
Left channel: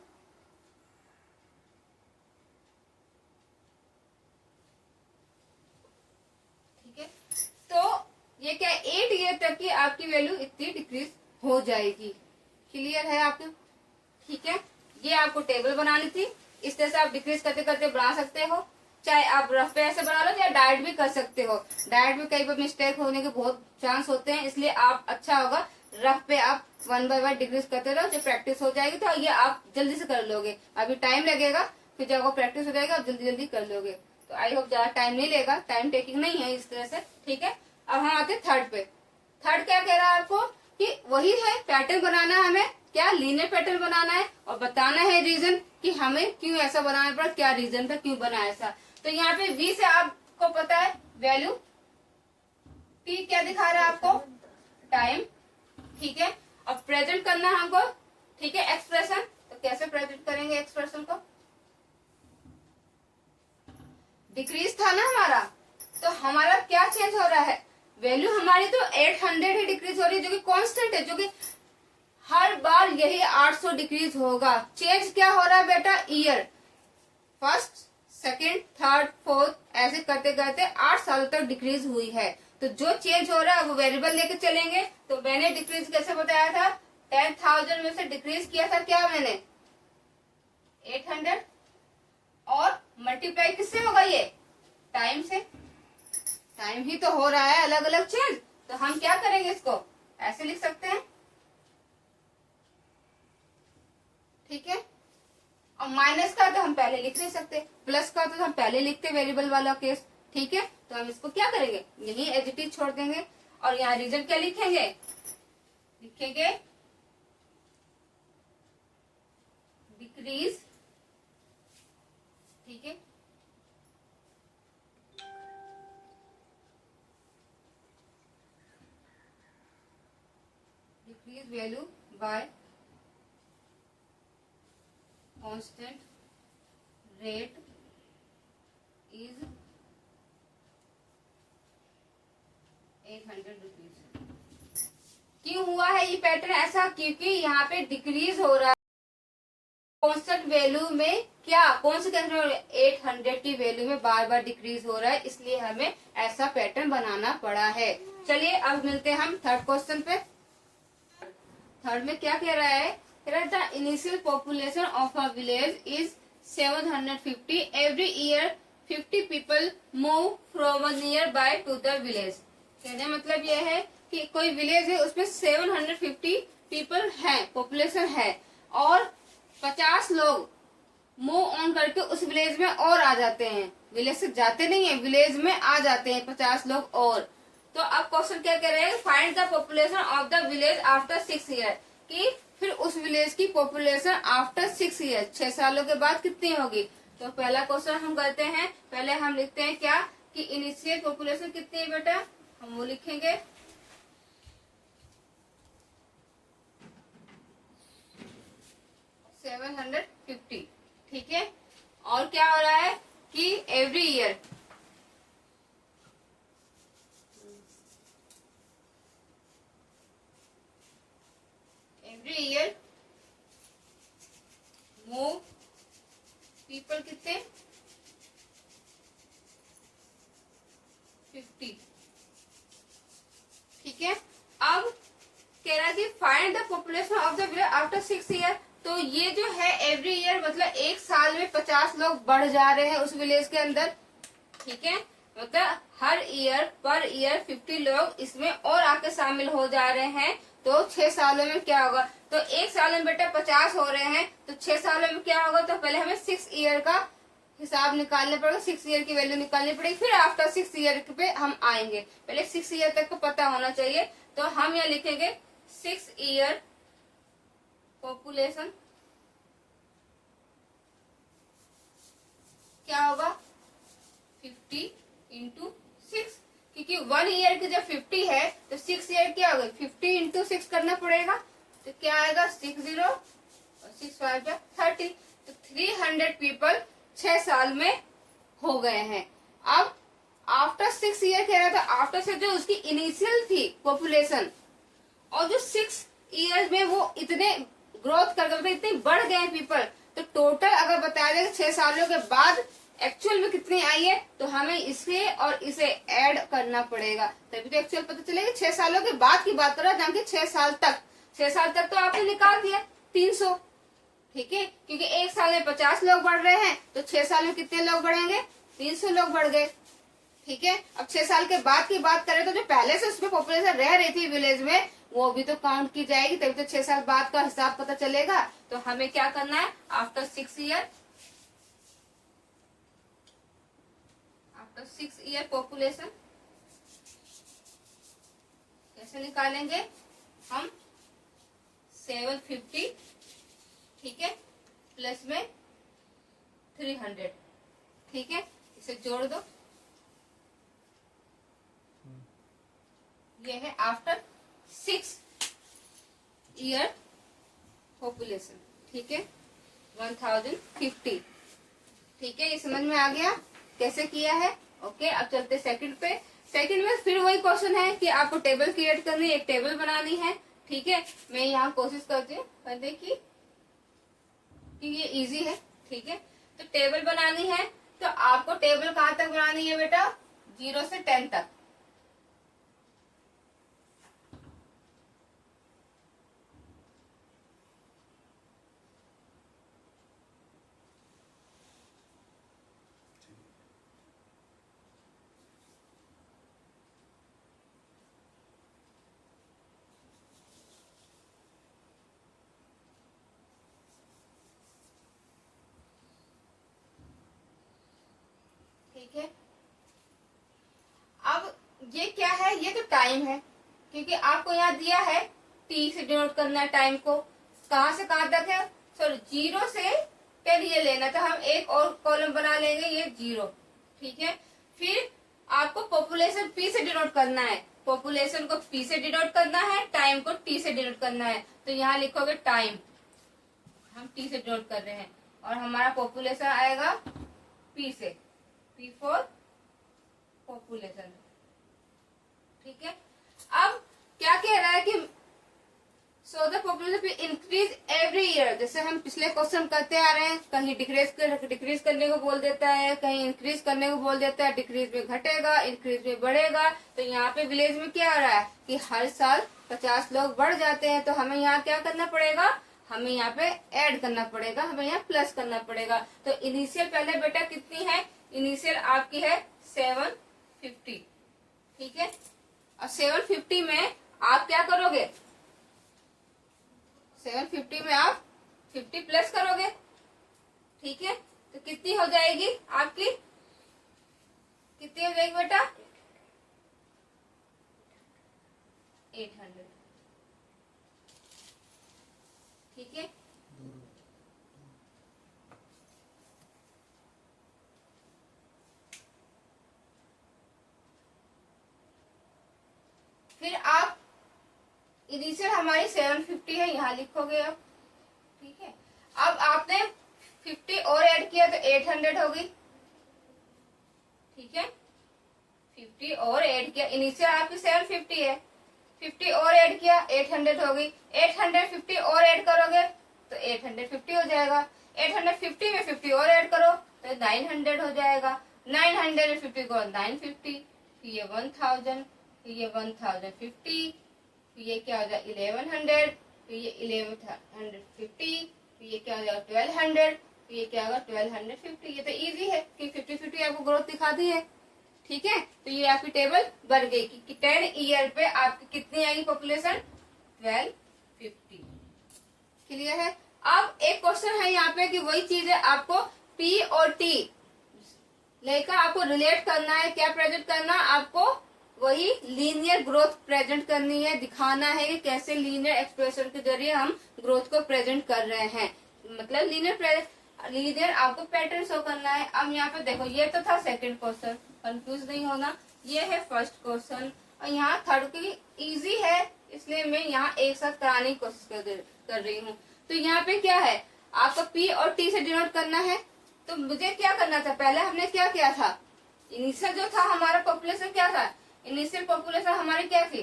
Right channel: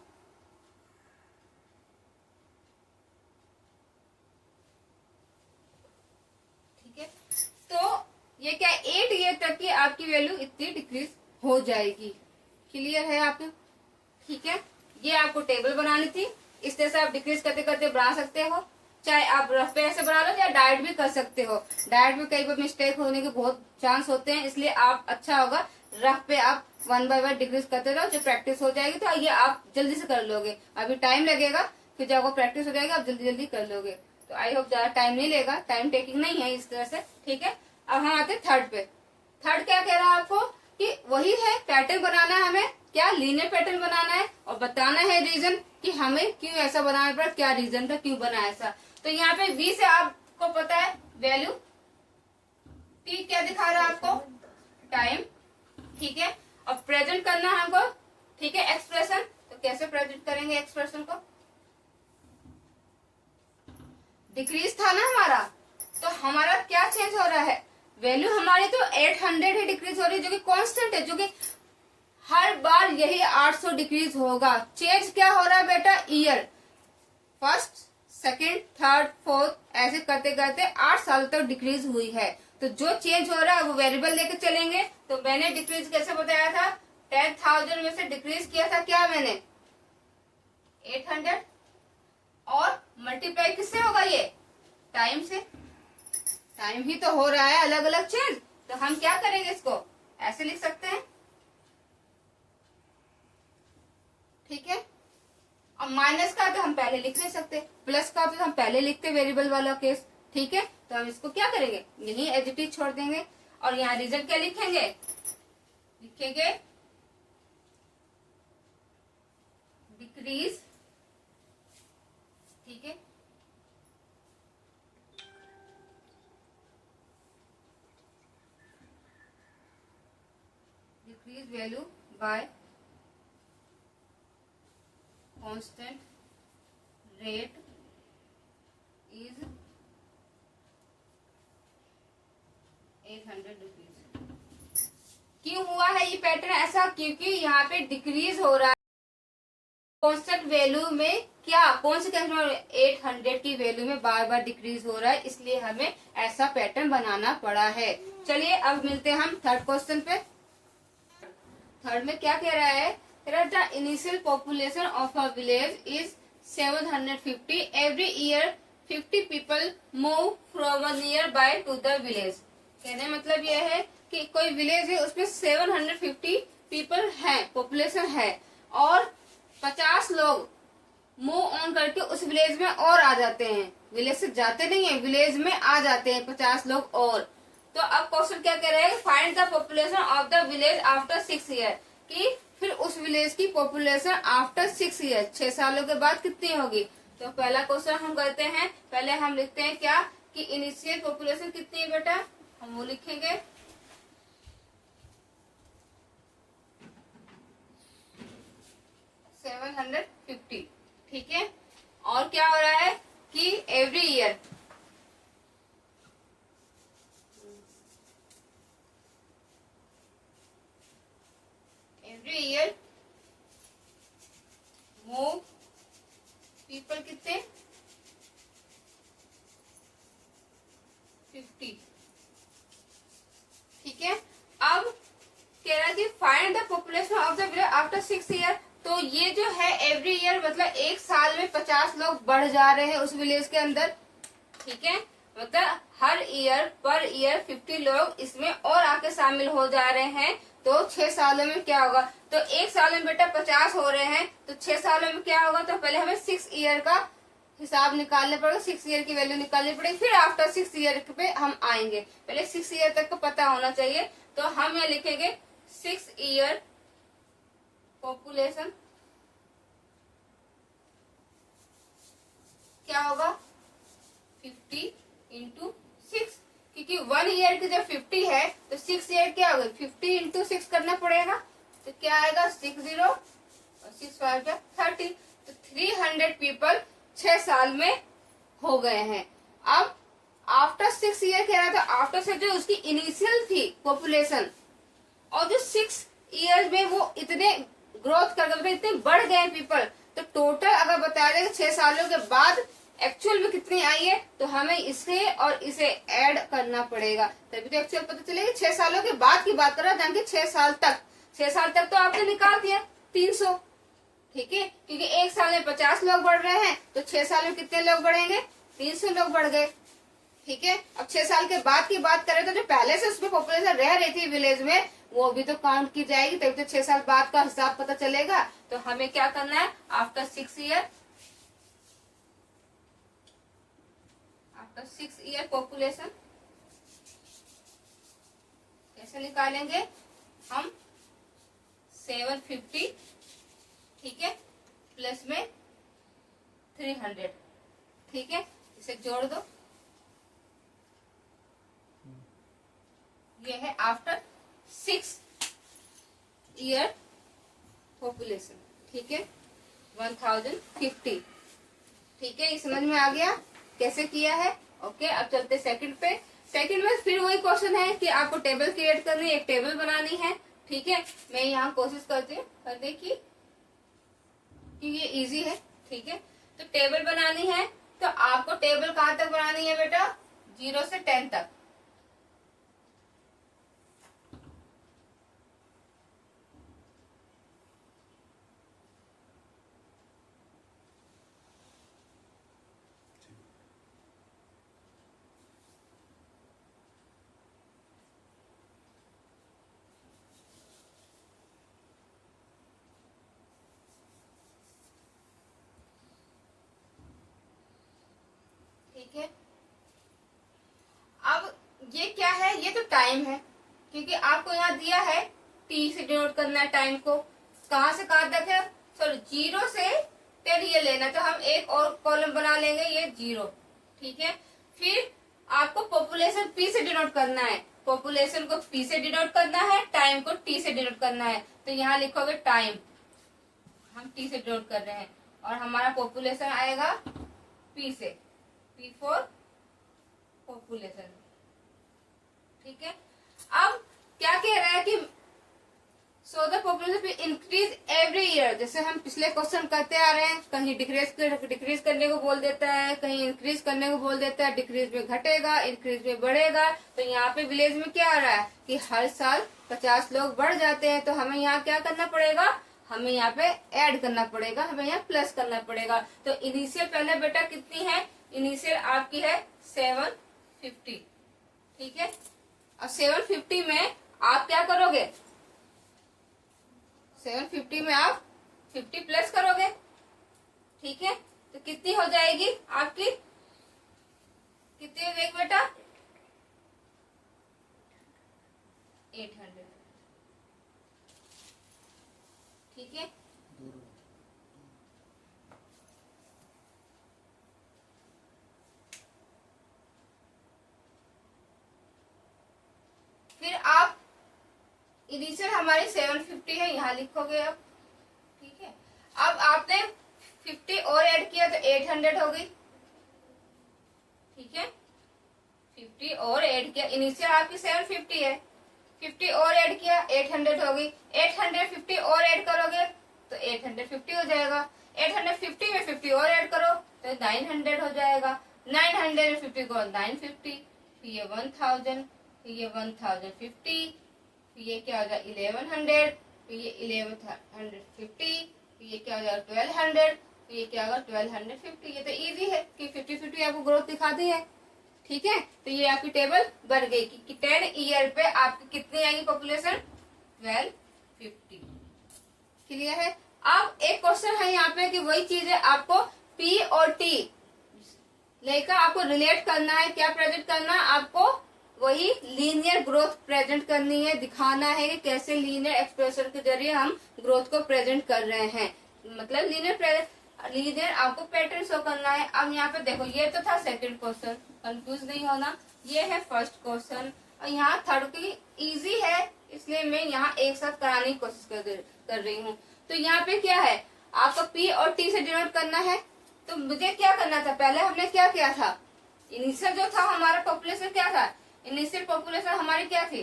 ठीक है, तो ये क्या 8 ईयर तक की आपकी वैल्यू इतनी डिक्रीज हो जाएगी। क्लियर है आपको। ठीक है, ये आपको टेबल बनानी थी, इस तरह से आप डिक्रीज करते करते बना सकते हो। चाहे आप रफ पे ऐसे बना लो, या डायरेक्ट भी कर सकते हो। डायरेक्ट में कई बार मिस्टेक होने के बहुत चांस होते हैं, इसलिए आप अच्छा होगा रफ पे आप 1 बाय 1 डिक्रीज करते रहो। जब प्रैक्टिस हो जाएगी तो ये आप जल्दी से कर लोगे। अभी टाइम लगेगा, फिर जब आपको प्रैक्टिस हो जाएगी आप जल्दी जल्दी कर लोगे। तो आई होप ज्यादा टाइम नहीं लेगा, टाइम टेकिंग नहीं है इस तरह से। ठीक है, अब हम आते थर्ड पे। थर्ड क्या कह रहा है आपको, कि वही है पैटर्न बनाना है, हमें क्या लीनियर पैटर्न बनाना है, और बताना है रीजन कि हमें क्यों ऐसा बनाना पड़ा, क्या रीजन था क्यों बना ऐसा। तो यहाँ पे V से आपको पता है वैल्यू, T क्या दिखा रहा है आपको, टाइम। ठीक है, अब प्रेजेंट करना है हमको। ठीक है, एक्सप्रेशन, तो कैसे प्रेजेंट करेंगे एक्सप्रेशन को, डिक्रीज था ना हमारा, तो हमारा क्या चेंज हो रहा है, वैल्यू हमारी तो 800 ही डिक्रीज हो रही है, जो कि कांस्टेंट है, जो कि हर बार यही 800 डिक्रीज होगा। चेंज क्या हो रहा है बेटा, year, first second third fourth ऐसे करते करते 8 साल तक डिक्रीज हुई है। तो जो चेंज हो रहा है वो वेरिएबल लेके चलेंगे। तो मैंने डिक्रीज कैसे बताया था, 10,000 में से डिक्रीज किया था क्या मैंने 800, और मल्टीप्लाई किससे होगा, ये टाइम से। टाइम ही तो हो रहा है अलग अलग चेंज, तो हम क्या करेंगे, इसको ऐसे लिख सकते हैं। ठीक है, और माइनस का तो हम पहले लिख नहीं सकते, प्लस का तो हम पहले लिखते वेरिएबल वाला केस। ठीक है, तो हम इसको क्या करेंगे, यही एज इट इज छोड़ देंगे, और यहाँ रिजल्ट क्या लिखेंगे, लिखेंगे डिक्रीज। ठीक है, decrease value by constant rate is 800 rupees. क्यों हुआ है ये पैटर्न ऐसा, क्योंकि यहाँ पे डिक्रीज हो रहा है कांस्टेंट वैल्यू में, क्या कौन से 800 की वैल्यू में बार बार डिक्रीज हो रहा है, इसलिए हमें ऐसा पैटर्न बनाना पड़ा है। चलिए अब मिलते हैं हम थर्ड क्वेश्चन पे। थर्ड में क्या कह रहा है, the initial population of a village is 750. Every year 50 people move from a nearby to the village. कहने मतलब यह है कि कोई विलेज है उसमें 750 पीपल हैं, पॉपुलेशन है, और 50 लोग मूव ऑन करके उस विलेज में और आ जाते हैं। विलेज से जाते नहीं है, विलेज में आ जाते हैं 50 लोग और। तो अब क्वेश्चन क्या कह रहे हैं, find the population of the village after 6 year, कि फिर उस विलेज की पॉपुलेशन आफ्टर 6 ईयर, 6 सालों के बाद कितनी होगी। तो पहला क्वेश्चन हम करते हैं, पहले हम लिखते हैं क्या कि इनिशियल पॉपुलेशन कितनी है बेटा, हम वो लिखेंगे 750, ठीक है। और क्या हो रहा है कि एवरी ईयर मूव पीपल कितने 50, ठीक है। अब कह रहा थी find the population of the village after 6 year, तो ये जो है एवरी ईयर मतलब एक साल में 50 लोग बढ़ जा रहे हैं उस विलेज के अंदर, ठीक है। मतलब हर ईयर पर ईयर 50 लोग इसमें और आके शामिल हो जा रहे हैं, तो 6 सालों में क्या होगा। तो एक साल में बेटा 50 हो रहे हैं, तो 6 सालों में क्या होगा। तो पहले हमें 6 ईयर का हिसाब निकालने पड़ेगा, 6 ईयर की वैल्यू निकालनी पड़ेगी, फिर आफ्टर 6 ईयर पे हम आएंगे। पहले 6 ईयर तक को पता होना चाहिए, तो हम यहाँ लिखेंगे 6 ईयर पॉपुलेशन क्या होगा 50 इंटू 6, क्योंकि 1 ईयर की जब 50 है तो 6 ईयर क्या होगा 50 इंटू 6 करना पड़ेगा, तो क्या आएगा 60 और 6 5 30, तो 300 पीपल 6 साल में हो गए हैं। अब आफ्टर 6 ईयर कह रहा था, आफ्टर से जो उसकी इनिशियल थी पॉपुलेशन और जो 6 ईयर्स में वो इतने ग्रोथ कर गए, इतने बढ़ गए पीपल, तो टोटल अगर बता दें 6 सालों के बाद एक्चुअल में कितनी आई है, तो हमें इसे और इसे ऐड करना पड़ेगा, तभी तो एक्चुअल पता चलेगा। 6 सालों के बाद की बात कर रहा है, 6 साल तक, 6 साल तक तो आपने निकाल दिया 300, ठीक है, क्योंकि एक साल में 50 लोग बढ़ रहे हैं, तो 6 साल में कितने लोग बढ़ेंगे 300 लोग बढ़ गए, ठीक है। अब 6 साल के बाद की बात करें तो जो पहले से उसमें पॉपुलेशन रह रही थी विलेज में, वो भी तो काउंट की जाएगी, तभी तो 6 साल बाद का हिसाब पता चलेगा। तो हमें क्या करना है, आफ्टर 6 ईयर पॉपुलेशन कैसे निकालेंगे हम 750, ठीक है, प्लस में 300, ठीक है, इसे जोड़ दो, ये है आफ्टर 6 ईयर पॉपुलेशन, ठीक है 1050, ठीक है। ये समझ में आ गया कैसे किया है। ओके, अब चलते सेकंड पे। सेकंड में फिर वही क्वेश्चन है कि आपको टेबल क्रिएट करनी है, एक टेबल बनानी है, ठीक है। मैं यहाँ कोशिश करती हूँ करने की कि ये इजी है, ठीक है। तो टेबल बनानी है, तो आपको टेबल कहाँ तक बनानी है बेटा, 0 से 10 तक। ठीक है, अब ये क्या है, ये तो टाइम है, क्योंकि आपको यहाँ दिया है टी से डिनोट करना है टाइम को, कहाँ से कहाँ तक है, सॉरी 0 से 10 ये लेना, तो हम एक और कॉलम बना लेंगे, ये 0, ठीक है। फिर आपको पॉपुलेशन पी से डिनोट करना है, पॉपुलेशन को पी से डिनोट करना है, टाइम को टी से डिनोट करना है, तो यहाँ लिखोगे टाइम, हम टी से डिनोट कर रहे हैं, और हमारा पॉपुलेशन आएगा पी से, पी फॉर पॉपुलेशन, ठीक है। अब क्या कह रहा है कि so the population increase every year, जैसे हम पिछले क्वेश्चन करते आ रहे हैं, कहीं डिक्रीज करने को बोल देता है, कहीं इंक्रीज करने को बोल देता है, डिक्रीज में घटेगा, इंक्रीज में बढ़ेगा। तो यहाँ पे विलेज में क्या आ रहा है कि हर साल 50 लोग बढ़ जाते हैं, तो हमें यहाँ क्या करना पड़ेगा, हमें यहाँ पे ऐड करना पड़ेगा, हमें यहाँ प्लस करना पड़ेगा। तो इनिशियल पहले बेटा कितनी है, इनिशियल आपकी है 750, ठीक है। अब 750 में आप क्या करोगे, 750 में आप 50 प्लस करोगे, ठीक है। तो कितनी हो जाएगी आपकी, कितनी हो जाएगी बेटा 800। ठीक है, फिर आप इनिशियल हमारी 750 है, यहाँ लिखोगे अब। ठीक है, अब आपने 50 और ऐड किया तो 800 होगी। ठीक है, 50 और ऐड किया, इनिशियल आपकी 750 है, 50 और ऐड किया 800 होगी। 850 और ऐड करोगे तो 850 हो जाएगा। 850 में 50 और ऐड करो तो 900 हो जाएगा। 900 में 50 को 950, फिर ये 1000, फिर ये 1050, फिर ये क्या हो जाएगा 1100, फिर ये 1150, फिर ये क्या हो जाएगा 1200, फिर ये क्या होगा 1250। ये तो इजी है कि 50-50 आपको ग्रोथ दिखा दी है। ठीक है, तो ये आपकी टेबल बन गई कि 10 ईयर पे आपकी कितनी आएगी पॉपुलेशन, 1250। क्लियर है। अब एक क्वेश्चन है यहाँ पे कि वही चीज है, आपको पी और टी लेकर आपको रिलेट करना है। क्या प्रेजेंट करना है आपको, वही लीनियर ग्रोथ प्रेजेंट करनी है, दिखाना है कि कैसे लीनियर एक्सप्रेशन के जरिए हम ग्रोथ को प्रेजेंट कर रहे हैं। मतलब लीनियर आपको पैटर्न शो करना है। अब यहाँ पे देखो, ये तो था सेकंड क्वेश्चन, कंफ्यूज नहीं होना। ये है फर्स्ट क्वेश्चन और यहाँ थर्ड की इजी है, इसलिए मैं यहाँ एक साथ कराने की कोशिश कर रही हूँ। तो यहाँ पे क्या है, आपको पी और टी से डिनोट करना है। तो मुझे क्या करना था, पहले हमने क्या किया था, इनिशियल जो था हमारा पॉपुलेशन क्या था, इनिशियल पॉपुलेशन हमारी क्या थी,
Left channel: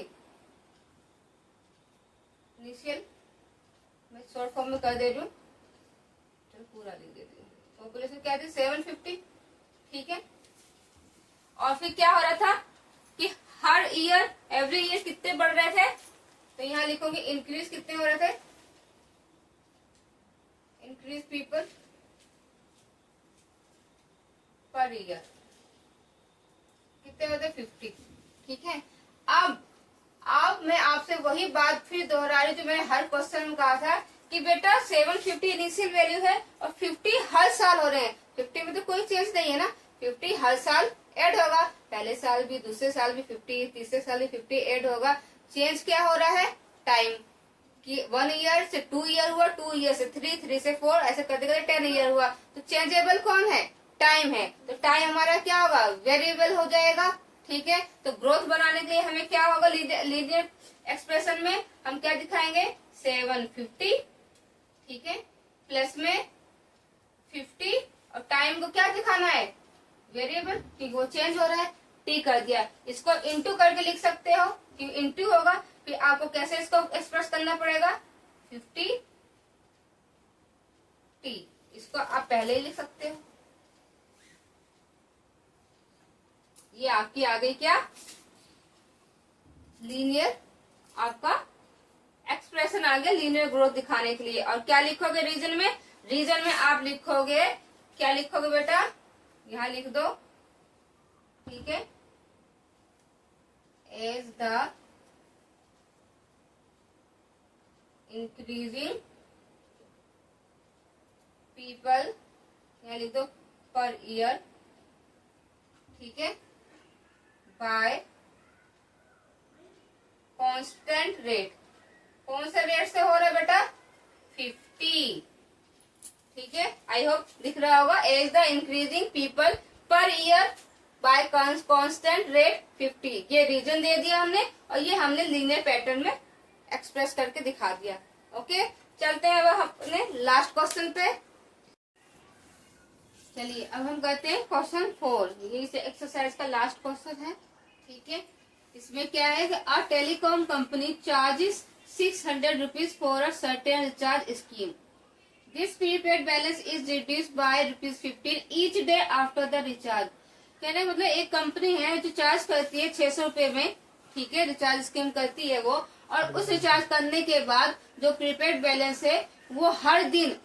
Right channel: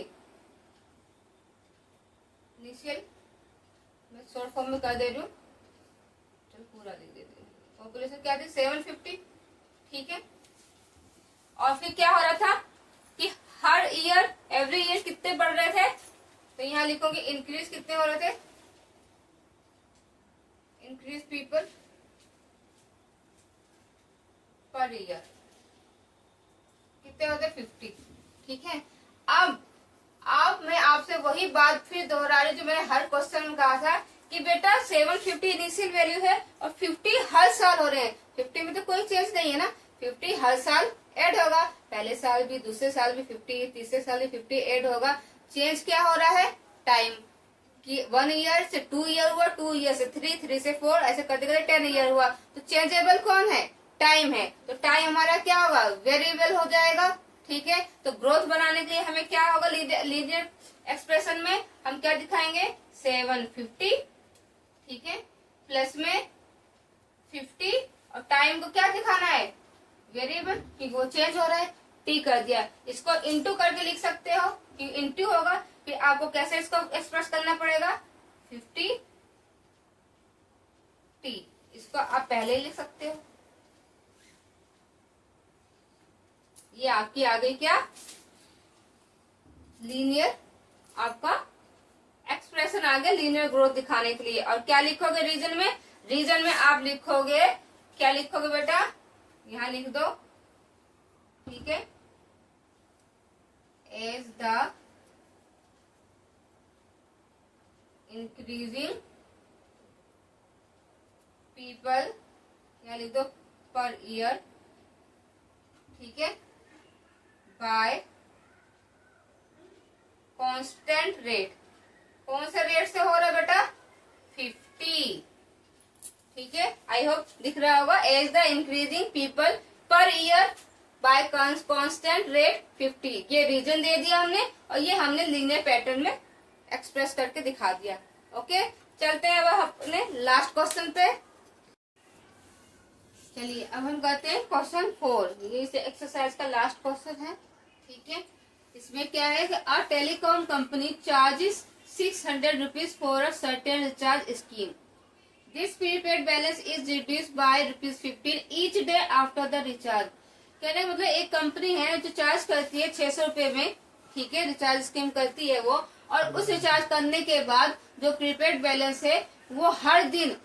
इनिशियल मैं शॉर्ट फॉर्म में कर दे रही हूँ, चलो पूरा लिख देती हूँ। पॉपुलेशन क्या थी 750। ठीक है, और फिर क्या हो रहा था कि हर ईयर एवरी ईयर कितने बढ़ रहे थे, तो यहाँ लिखोगे इंक्रीज कितने हो रहे थे, इंक्रीज पीपल पर ईयर कितने होते 50। ठीक है, अब मैं आपसे वही बात फिर दोहरा रही जो मैंने हर क्वेश्चन में कहा था कि बेटा 750 इनिशियल वैल्यू है और 50 हर साल हो रहे हैं। 50 में तो कोई चेंज नहीं है ना, 50 हर साल ऐड होगा, पहले साल भी दूसरे साल भी 50, तीसरे साल भी 50 ऐड होगा। चेंज क्या हो रहा है, टाइम कि 1 ईयर से 2 ईयर हुआ, 2 ईयर से 3, 3 से 4, ऐसे करते करते 10 ईयर हुआ। तो चेंजेबल कौन है, टाइम है। तो टाइम हमारा क्या होगा, वेरिएबल हो जाएगा। ठीक है, तो ग्रोथ बनाने के लिए हमें क्या होगा, लीनियर एक्सप्रेशन में हम क्या दिखाएंगे 750। ठीक है, प्लस में 50 और टाइम को क्या दिखाना है, वेरिएबल कि वो चेंज हो रहा है, टी कर दिया। इसको इंटू करके लिख सकते हो कि इंटू होगा, फिर आपको कैसे इसको एक्सप्रेस करना पड़ेगा 50 टी, इसको आप पहले ही लिख सकते हो। ये आपकी आ गई क्या, लीनियर आपका एक्सप्रेशन आ गया लीनियर ग्रोथ दिखाने के लिए। और क्या लिखोगे रीजन में, रीजन में आप लिखोगे, क्या लिखोगे बेटा, यहां लिख दो। ठीक है, एज द इंक्रीजिंग पीपल, यहां लिख दो पर ईयर। ठीक है, बाय कांस्टेंट रेट, कौन से रेट से हो रहा है बेटा 50। ठीक है, आई होप दिख रहा होगा, as the increasing people per year by constant rate 50। ये रीजन दे दिया हमने और ये हमने लीनियर पैटर्न में एक्सप्रेस करके दिखा दिया। ओके, चलते हैं अब अपने लास्ट क्वेश्चन पे। चलिए अब हम करते हैं क्वेश्चन 4, ये इस एक्सरसाइज का लास्ट क्वेश्चन है। ठीक है, इसमें क्या है कि a telecom company charges 600 rupees for a certain recharge scheme. This prepaid balance is reduced by ₹15 each day after the recharge. कहने मतलब एक कंपनी है जो चार्ज करती है 600 रुपए में, ठीक है, रिचार्ज स्कीम करती है वो, और उस रिचार्ज करने के बाद जो प्रीपेड बैलेंस है वो हर दिन,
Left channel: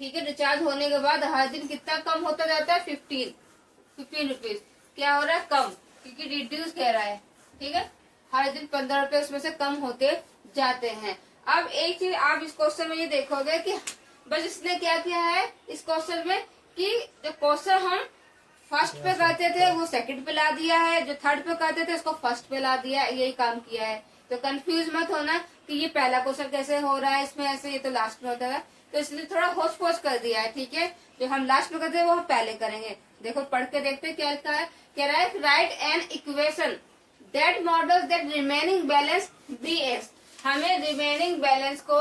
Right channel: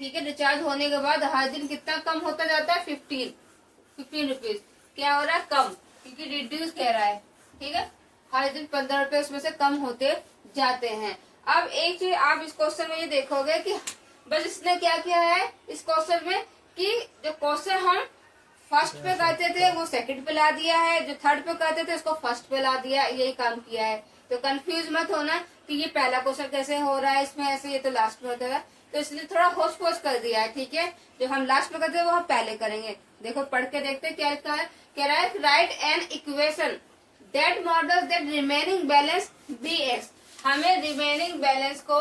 ठीक है, रिचार्ज होने के बाद हर दिन कितना कम होता जाता है 15 रुपीज। क्या हो रहा है, कम, क्योंकि रिड्यूस कह रहा है। ठीक है, हर दिन 15 रुपए उसमें से कम होते जाते हैं। अब एक चीज आप इस क्वेश्चन में ये देखोगे कि बस इसने क्या किया है इस क्वेश्चन में कि जो क्वेश्चन हम फर्स्ट पे करते थे वो सेकंड पे ला दिया है, जो थर्ड पे करते थे उसको फर्स्ट पे ला दिया, यही काम किया है। तो कंफ्यूज मत होना कि ये पहला क्वेश्चन कैसे हो रहा है, इसमें ऐसे, ये तो लास्ट में होता है, तो इसलिए थोड़ा होच पोच कर दिया है। ठीक है, जो हम लास्ट में करते हैं वो हम पहले करेंगे। देखो पढ़ के देखते हैं क्या लिखा है। कह रहा है write an equation that models that remaining balance B X. हमें रिमेनिंग बैलेंस को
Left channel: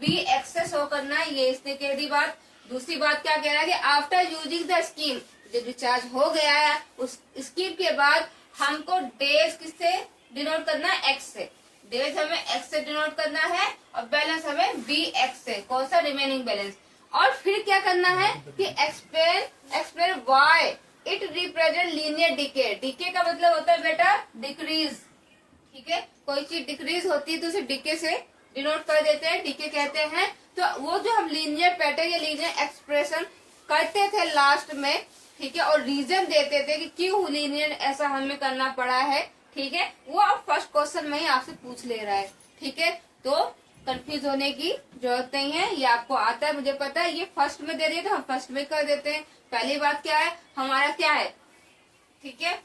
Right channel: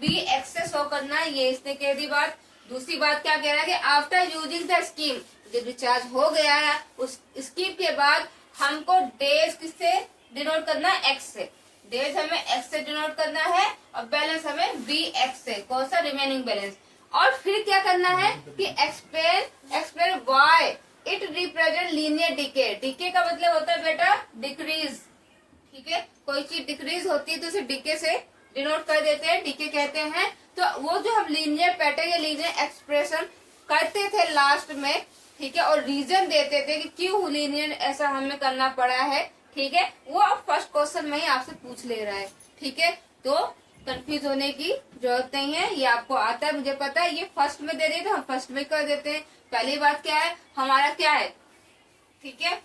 बी एक्स से शो करना है, ये इसने कह दी बात। दूसरी बात क्या कह रहा है कि आफ्टर यूजिंग द स्कीम, जब रिचार्ज हो गया है उस स्कीम के बाद हमको डेज किससे डिनोट करना है, एक्स से। डेज हमें एक्स से डिनोट करना है और बैलेंस हमें बी एक्स से, कौन सा, रिमेनिंग बैलेंस। और फिर क्या करना है कि explain why it represent linear decay. Decay का मतलब होता है बेटा डिक्रीज। ठीक है, कोई चीज डिक्रीज होती है तो उसे डीके से डिनोट कर देते हैं, डीके कहते हैं। तो वो जो हम लीनियर पैटर्न या लीनियर एक्सप्रेशन करते थे लास्ट में, ठीक है, और रीजन देते थे कि क्यों लीनियर ऐसा हमें करना पड़ा है, ठीक है, वो अब फर्स्ट क्वेश्चन में ही आपसे पूछ ले रहा है। ठीक है, तो कंफ्यूज होने की जरूरत नहीं है, ये आपको आता है, मुझे पता है। ये फर्स्ट में दे दिए तो हम फर्स्ट में कर देते हैं। पहली बात क्या है, हमारा क्या है, ठीक है,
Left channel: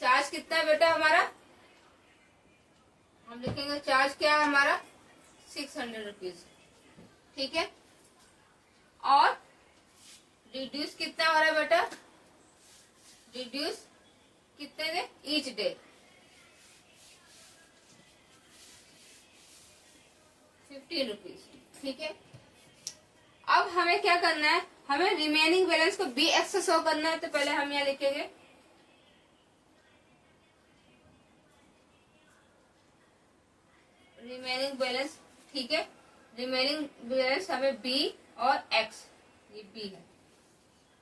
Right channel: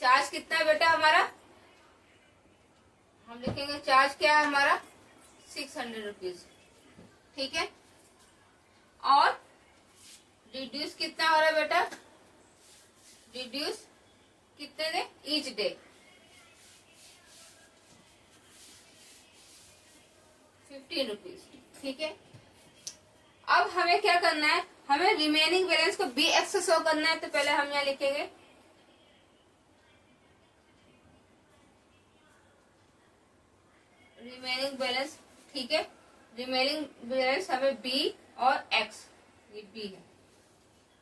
चार्ज कितना है बेटा हमारा, हम लिखेंगे चार्ज क्या है हमारा 600 रुपीज। ठीक है, और रिड्यूस कितना हो रहा है बेटा, रिड्यूस कितने डे, ईच डे 50 रुपीज। ठीक है, अब हमें क्या करना है, हमें रिमेनिंग बैलेंस को बी एक्स से शो करना है। तो पहले हम यहाँ लिखेंगे रिमेनिंग बैलेंस। ठीक है, रिमेनिंग बैलेंस हमें बी और एक्स, ये बी है,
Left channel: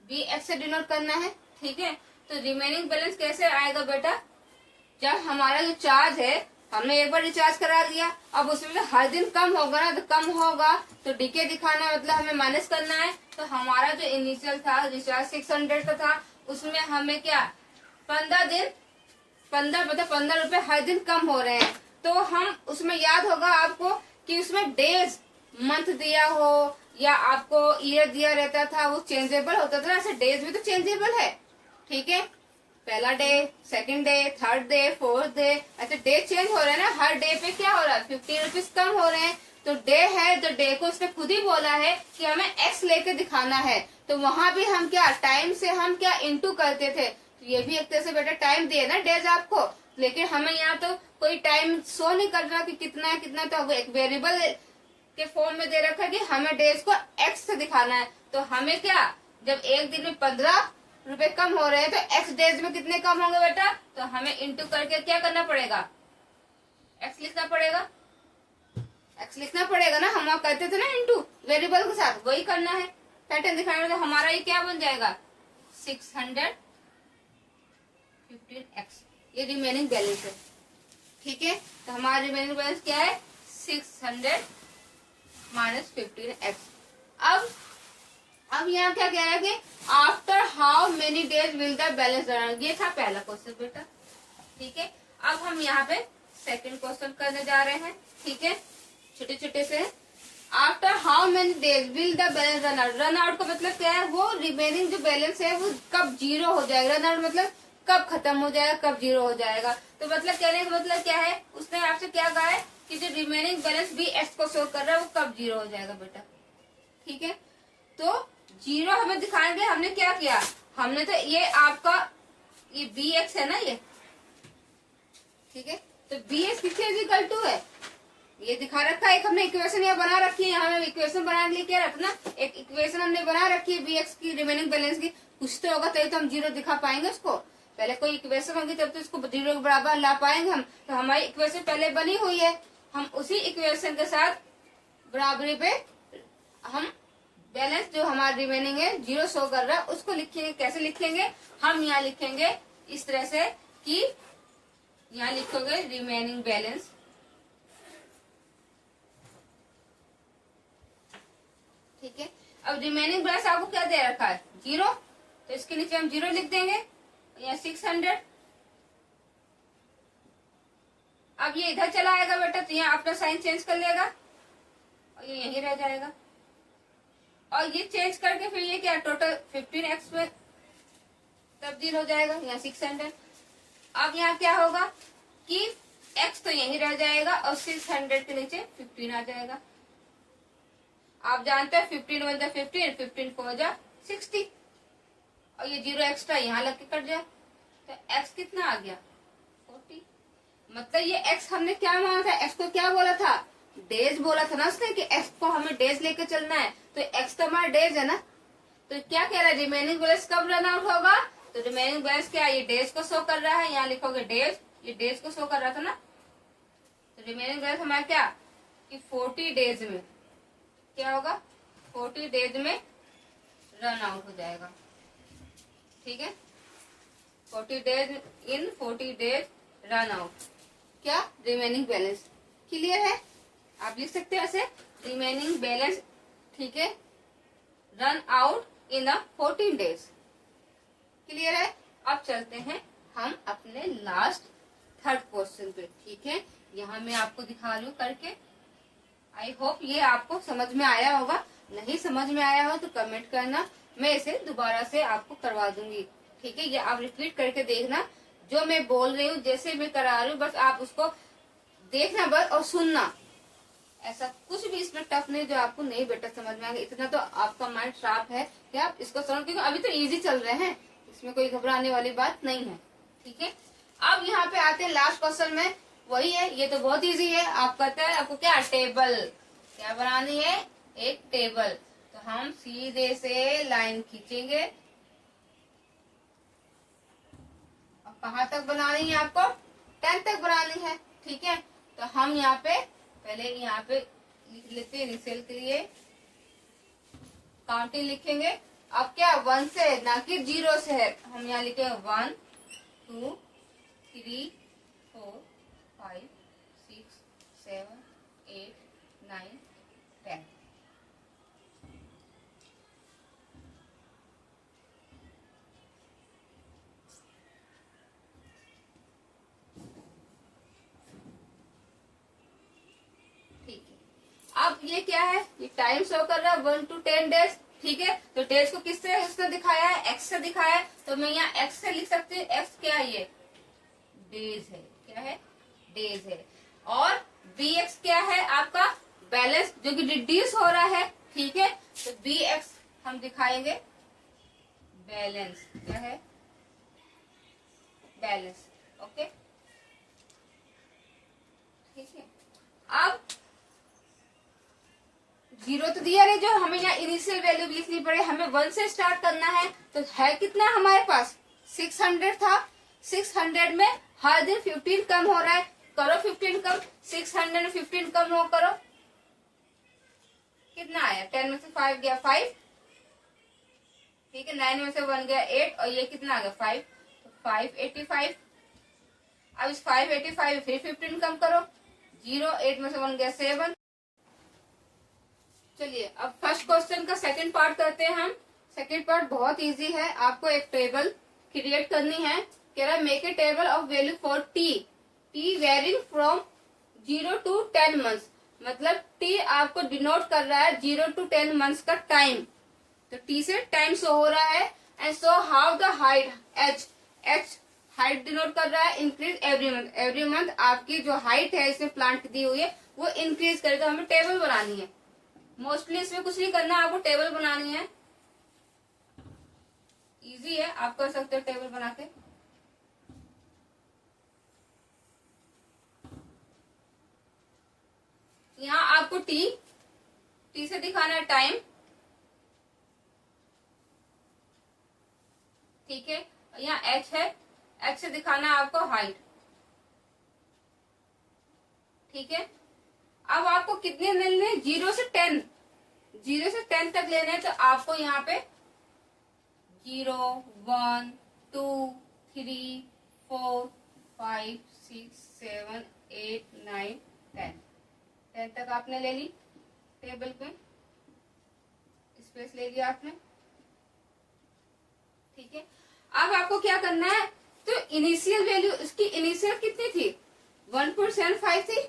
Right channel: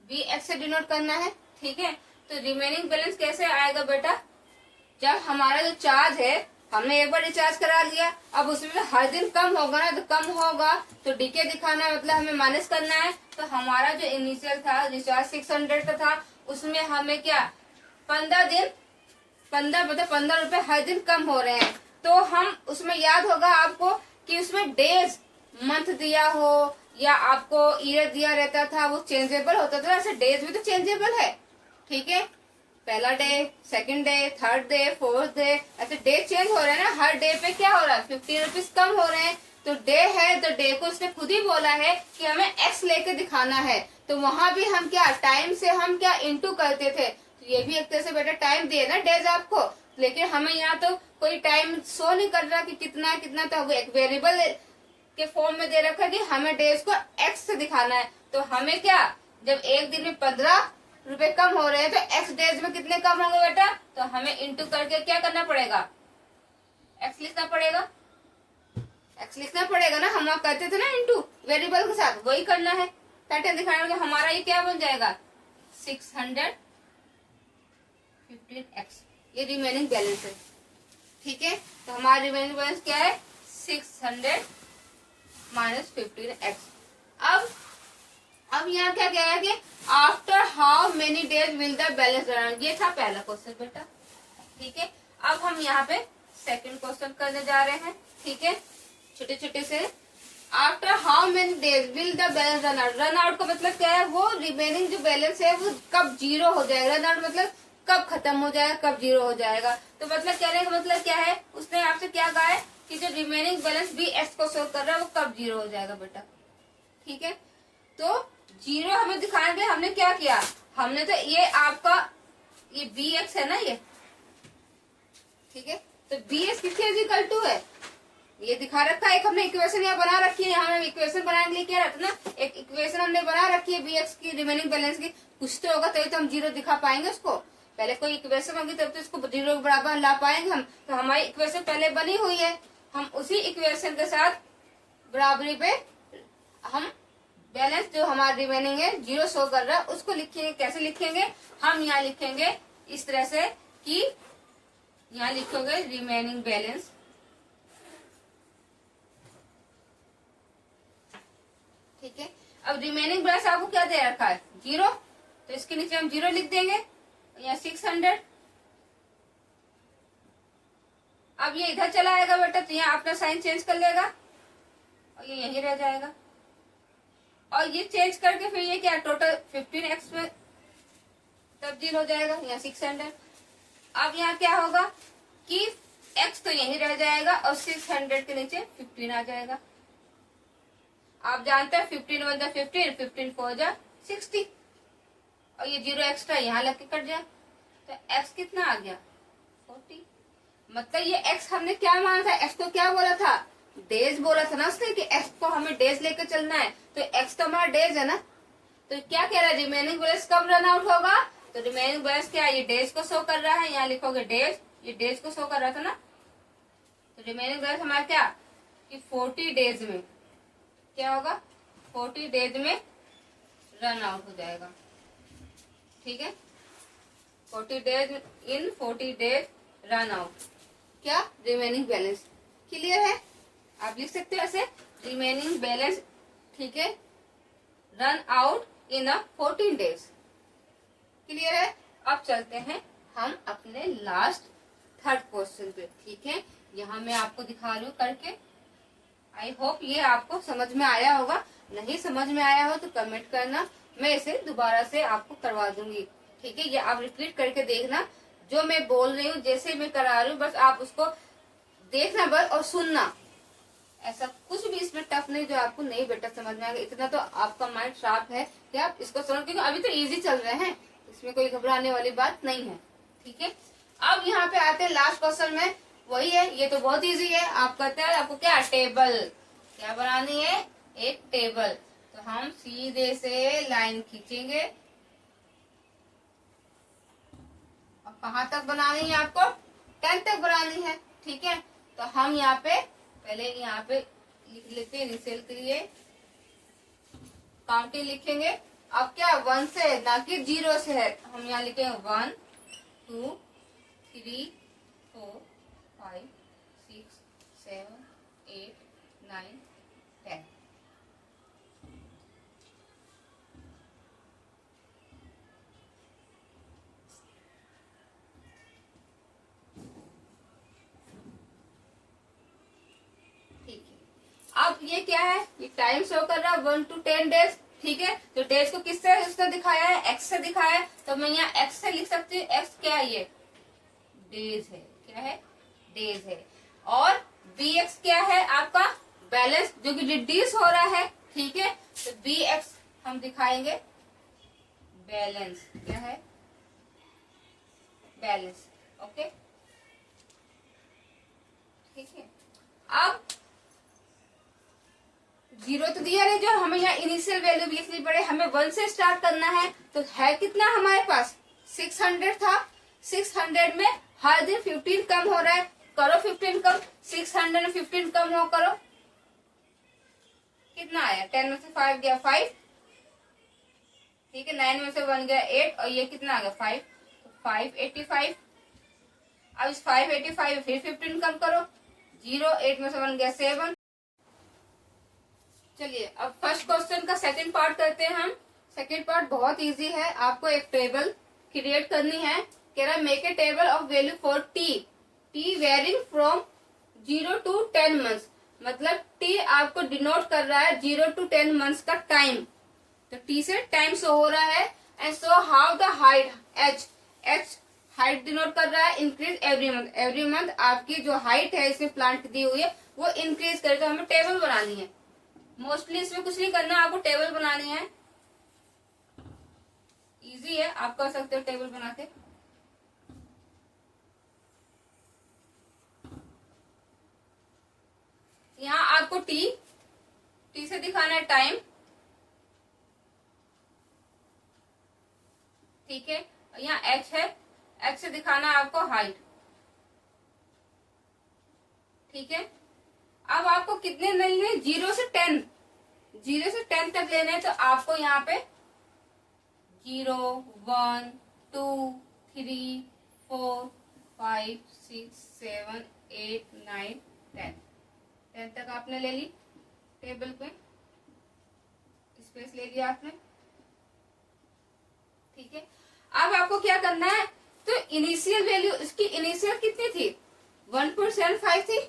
बी एक्स से डिनोट करना है। ठीक है, तो रिमेनिंग बैलेंस कैसे आएगा बेटा, जब हमारा जो चार्ज है हमने एक बार रिचार्ज करा लिया, अब उसमें हर दिन कम होगा ना, तो कम होगा तो डीके दिखाना है, मतलब हमें माइनस करना है। तो हमारा जो इनिशियल था रिचार्ज 600 का था, उसमें हमें क्या 15 दिन 15 रुपए हर दिन कम हो रहे हैं। तो हम उसमें याद होगा आपको कि उसमें डेज मंथ दिया हो या आपको ईयर दिया रहता था, वो चेंजेबल होता था। ऐसे डेज भी तो चेंजेबल है। ठीक है, पहला day, second day, third day, fourth day, ऐसे डे चेंज हो रहे हैं ना। हर डे पे क्या हो रहा है 50 रुपीज कम हो रहे हैं। तो डे है तो डे को उसने खुद ही बोला है कि हमें एक्स लेके दिखाना है। तो वहां भी हम क्या टाइम से हम क्या इंटू करते थे, ये भी एक तरह से बेटा टाइम दिए ना डेज आपको, लेकिन हमें यहाँ तो कोई टाइम शो नहीं कर रहा कि कितना है कितना, तो अब एक वेरिएबल के फॉर्म में दे रखा है कि हमें डेज को एक्स से दिखाना है। तो हमें क्या, जब एक दिन में 15 रुपए कम हो रहे हैं तो एक्स डेज में कितने कम होंगे बेटा, तो हमें इंटू करके क्या करना पड़ेगा, एक्स लिखना पड़ेगा, एक्स लिखना पड़ेगा ना। हम वहां करते थे ना इंटू वेरिएबल के साथ, वही करना है। पैटर्न दिखाने में तो हमारा ये क्या बन जाएगा 615x, ये रिमेनिंग बैलेंस है। ठीक है, तो हमारा रिमेनिंग बैलेंस क्या है 600 माइनस 15x। अब यहाँ क्या कह रहा है कि after how many days will the balance run, ये था पहला क्वेश्चन बेटा। ठीक है, अब हम यहाँ पे सेकंड क्वेश्चन करने जा रहे हैं। ठीक है, छोटे छोटे से, after how many days will the balance run out. Run out का मतलब क्या है, वो रिमेनिंग जो बैलेंस है वो कब जीरो हो जाएगा। रन आउट मतलब कब खत्म हो जाएगा, कब जीरो हो जाएगा। तो मतलब कहने का मतलब क्या है, उसने आपसे क्या कहा है कि जो रिमेनिंग बैलेंस बी एक्स को शो कर रहा है वो कब जीरो हो जाएगा बेटा। ठीक है, तो जीरो हमें दिखाएंगे। हमने क्या किया, हमने तो ये आपका ये बी एक्स है ना ये, ठीक है, तो बी एक्स किसके इक्वल टू है, ये दिखा रखा है। एक हमने इक्वेशन यहाँ बना रखी है, यहाँ हमें इक्वेशन बनाने के लिए क्या रहता ना, एक इक्वेशन हमने बना रखी है बी एक्स की रिमेनिंग बैलेंस की। कुछ तो होगा तभी तो हम जीरो दिखा पाएंगे उसको। पहले कोई इक्वेशन होगी तब तो इसको जीरो के बराबर ला पाएंगे हम। तो हमारी इक्वेशन पहले बनी हुई है, हम उसी इक्वेशन के साथ बराबरी पे हम बैलेंस जो हमारा रिमेनिंग है जीरो शो कर रहा है उसको लिखेंगे। कैसे लिखेंगे, हम यहाँ लिखेंगे इस तरह से कि यहाँ लिखोगे रिमेनिंग बैलेंस, ठीक है। अब रिमेनिंग बैलेंस आपको क्या दे रखा है जीरो, तो इसके नीचे हम जीरो लिख देंगे, यहाँ 600। अब ये इधर चला आएगा बेटा, तो यहाँ अपना साइन चेंज कर लेगा और ये यहीं रह जाएगा। और ये चेंज करके फिर ये क्या टोटल 15x में तब्दील हो जाएगा, यहाँ 600। अब यहाँ क्या होगा कि एक्स तो यही रह जाएगा और 600 के नीचे 15 आ जाएगा। आप जानते हैं 15 वन जा 15, 15 4 जा 60 और ये 0 एक्स्ट्रा यहाँ लग के कट जाए तो एक्स कितना आ गया 40। मतलब ये एक्स हमने क्या माना था, एक्स को क्या बोला था, डेज बोला था ना उसने कि एक्स को हमें डेज लेके चलना है, तो एक्स तो हमारा डेज है ना। तो क्या कह रहा है, रिमेनिंग बैलेंस कब रन आउट होगा, तो रिमेनिंग बैलेंस क्या है, ये डेज को शो कर रहा है, यहाँ लिखोगे डेज, ये डेज को शो कर रहा था ना। तो रिमेनिंग बैलेंस हमारा क्या कि 40 डेज में क्या होगा, 40 डेज में रन आउट हो जाएगा। ठीक है, 40 days in 40 days run out क्या रिमेनिंग बैलेंस। क्लियर है, आप लिख सकते हो ऐसे रिमेनिंग बैलेंस। ठीक है, run out in 14 days. Clear है। अब चलते हैं हम अपने लास्ट थर्ड क्वेश्चन पे। ठीक है, यहाँ मैं आपको दिखा रही हूँ करके। आई होप ये आपको समझ में आया होगा, नहीं समझ में आया हो तो कमेंट करना, मैं इसे दोबारा से आपको करवा दूंगी। ठीक है, ये आप रिपीट करके देखना, जो मैं बोल रही हूँ जैसे मैं करा रही हूँ बस आप उसको देखना बस और सुनना। ऐसा कुछ भी इसमें टफ नहीं जो आपको नहीं बेटा समझ में आएगा। इतना तो आपका माइंड शार्प है कि आप इसको समझ, क्योंकि अभी तो इजी चल रहे हैं, इसमें कोई घबराने वाली बात नहीं है। ठीक है, अब यहाँ पे आते हैं लास्ट क्वेश्चन में, वही है, ये तो बहुत इजी है। आप कहते हैं आपको क्या टेबल क्या बनानी है, एक टेबल। तो हम सीधे से लाइन खींचेंगे। अब कहाँ तक बनानी है आपको, 10 तक बनानी है। ठीक है, तो हम यहाँ पे पहले यहाँ पे लिख लेते हैं इनिशियल के लिए काउंटिंग लिखेंगे। अब क्या 1 से ना कि 0 से है, हम यहाँ लिखेंगे 1 2 3 4 5 6 7 8 9 10। ठीक है, अब ये क्या है, ये टाइम शो कर रहा है 1 to 10 डेज। ठीक है, तो डेज को किससे उसने दिखाया है, एक्स से दिखाया है, तो मैं यहाँ एक्स से लिख सकती हूँ। एक्स क्या है, ये डेज है, क्या है, डेज है। और बी एक्स क्या है आपका बैलेंस, जो कि रिड्यूस हो रहा है। ठीक है, तो बी एक्स हम दिखाएंगे बैलेंस, क्या है बैलेंस। ओके, ठीक है, अब 0 तो दिया नहीं, जो हमें यहाँ इनिशियल वैल्यू भी लिखनी पड़े, हमें 1 से स्टार्ट करना है। तो है कितना हमारे पास 600 था, 600 में हर दिन 15 कम हो रहा है, करो 15 कम, 600 में 15 कम हो करो, कितना आया, 10 में से 5 गया 5। ठीक है, 9 में से 1 गया 8 और ये कितना आ गया 5, तो 585। अब इस 585 फिर 15 कम करो, 0 8 में से 1 गया 7। चलिए अब फर्स्ट क्वेश्चन का सेकंड पार्ट करते हैं हम। सेकंड पार्ट बहुत इजी है, आपको एक टेबल क्रिएट करनी है। कह रहा है make a table of value for T varying from 0 to 10 months. मतलब टी आपको डिनोट कर रहा है 0 to 10 मंथ्स का टाइम, तो टी से टाइम शो हो रहा है। And so how the height, H height denote कर रहा है increase every month. Every month आपकी जो हाइट है इसमें प्लांट दी हुई है वो इंक्रीज करके हमें टेबल बनानी है। मोस्टली इसमें कुछ नहीं करना, आपको टेबल बनानी है, इजी है, आप कर सकते हो टेबल बना के। यहाँ आपको टी से दिखाना है टाइम। ठीक है, यहाँ एच है, एच से दिखाना है आपको हाइट। ठीक है, अब आपको कितने लेने, 0 से 10, 0 से 10 तक लेने हैं। तो आपको यहाँ पे 0 1 2 3 4 5 6 7 8 9 10 तक आपने ले ली, टेबल पे स्पेस ले लिया आपने। ठीक है, अब आपको क्या करना है, तो इनिशियल वैल्यू, इसकी इनिशियल कितनी थी 1.75 थी,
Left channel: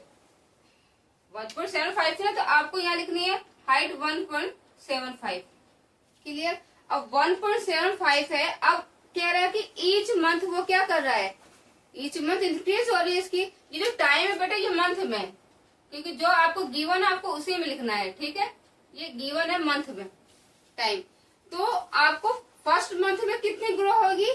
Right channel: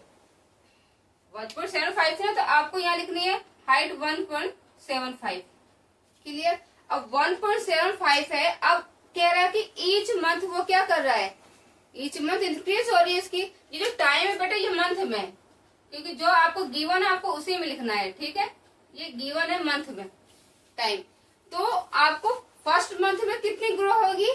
1.75 थी ना, तो आपको यहाँ लिखनी है हाइट 1.75। क्लियर, अब 1.75 है। अब कह रहा है कि ईच मंथ वो क्या कर रहा है, ईच मंथ इंक्रीज हो रही है इसकी। ये जो टाइम है बेटा ये मंथ में, क्योंकि जो आपको गिवन है आपको उसी में लिखना है, ठीक है। ये गिवन है मंथ में टाइम, तो आपको फर्स्ट मंथ में कितनी ग्रो होगी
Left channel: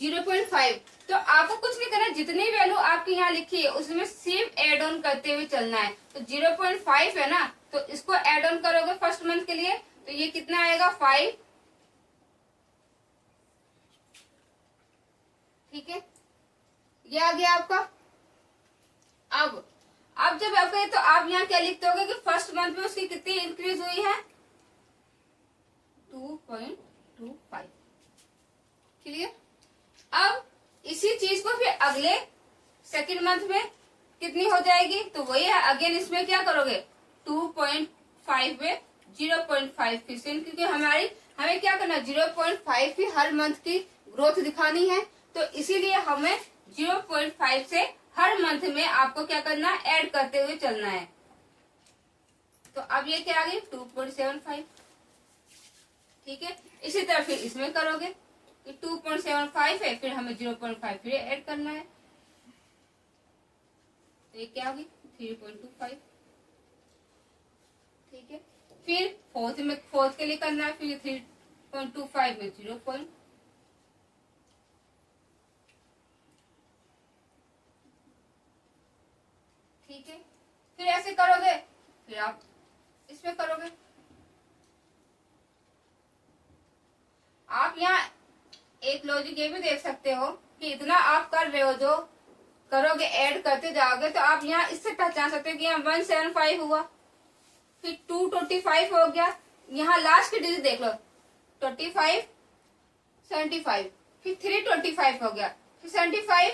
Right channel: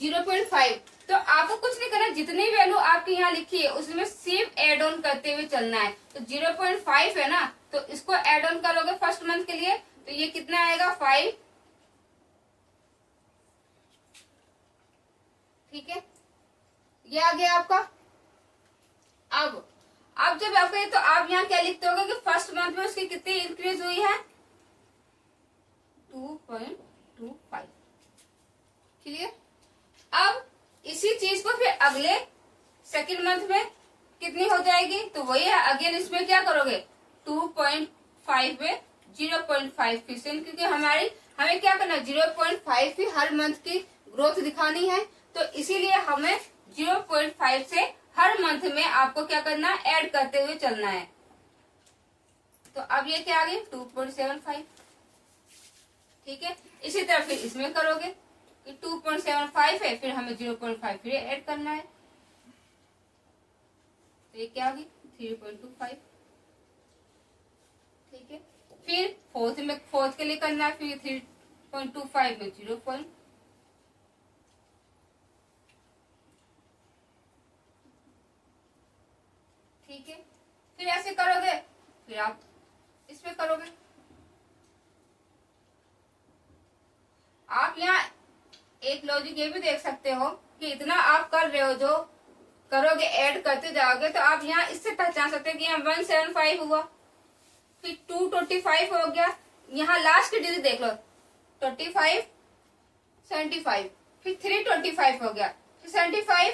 0.5। तो आपको कुछ नहीं करना, जितनी वैल्यू आपकी यहाँ लिखी है उसमें सिर्फ एड ऑन करते हुए चलना है। तो 0.5 है ना, तो इसको एड ऑन करोगे फर्स्ट मंथ के लिए, तो ये कितना आएगा 5, ठीक है। ये आ गया आपका। अब जब आपका ये, तो आप यहाँ क्या लिखते होगे कि फर्स्ट मंथ में उसकी कितनी इंक्रीज हुई है 2.25, क्लियर। अब इसी चीज को फिर अगले सेकंड मंथ में कितनी हो जाएगी, तो वही है अगेन इसमें क्या करोगे 2.5 में 0.5 फिर से, क्योंकि हमें क्या करना है 0.5 की हर मंथ की ग्रोथ दिखानी है, तो इसीलिए हमें 0.5 से हर मंथ में आपको क्या करना है ऐड करते हुए चलना है। तो अब ये क्या आ गया 2.75, ठीक है। इसी तरह फिर इसमें करोगे कि 2.75 है, फिर हमें 0.5 फिर ऐड करना है, तो ये क्या होगी 3.25, ठीक है। फिर फोर्थ के लिए करना है, फिर 3.25 में 0. ठीक है, फिर ऐसे करोगे, फिर आप इसमें करोगे। आप यहाँ एक लॉजिक ये भी देख सकते हो कि इतना आप कर रहे हो, जो करोगे ऐड करते जाओगे, तो आप यहाँ इससे पहचान सकते हो कि यहाँ 175 हुआ, फिर 225 हो गया, यहाँ लास्ट की डिजिट देख लो 25, 75, फिर 325 हो गया, फिर 75,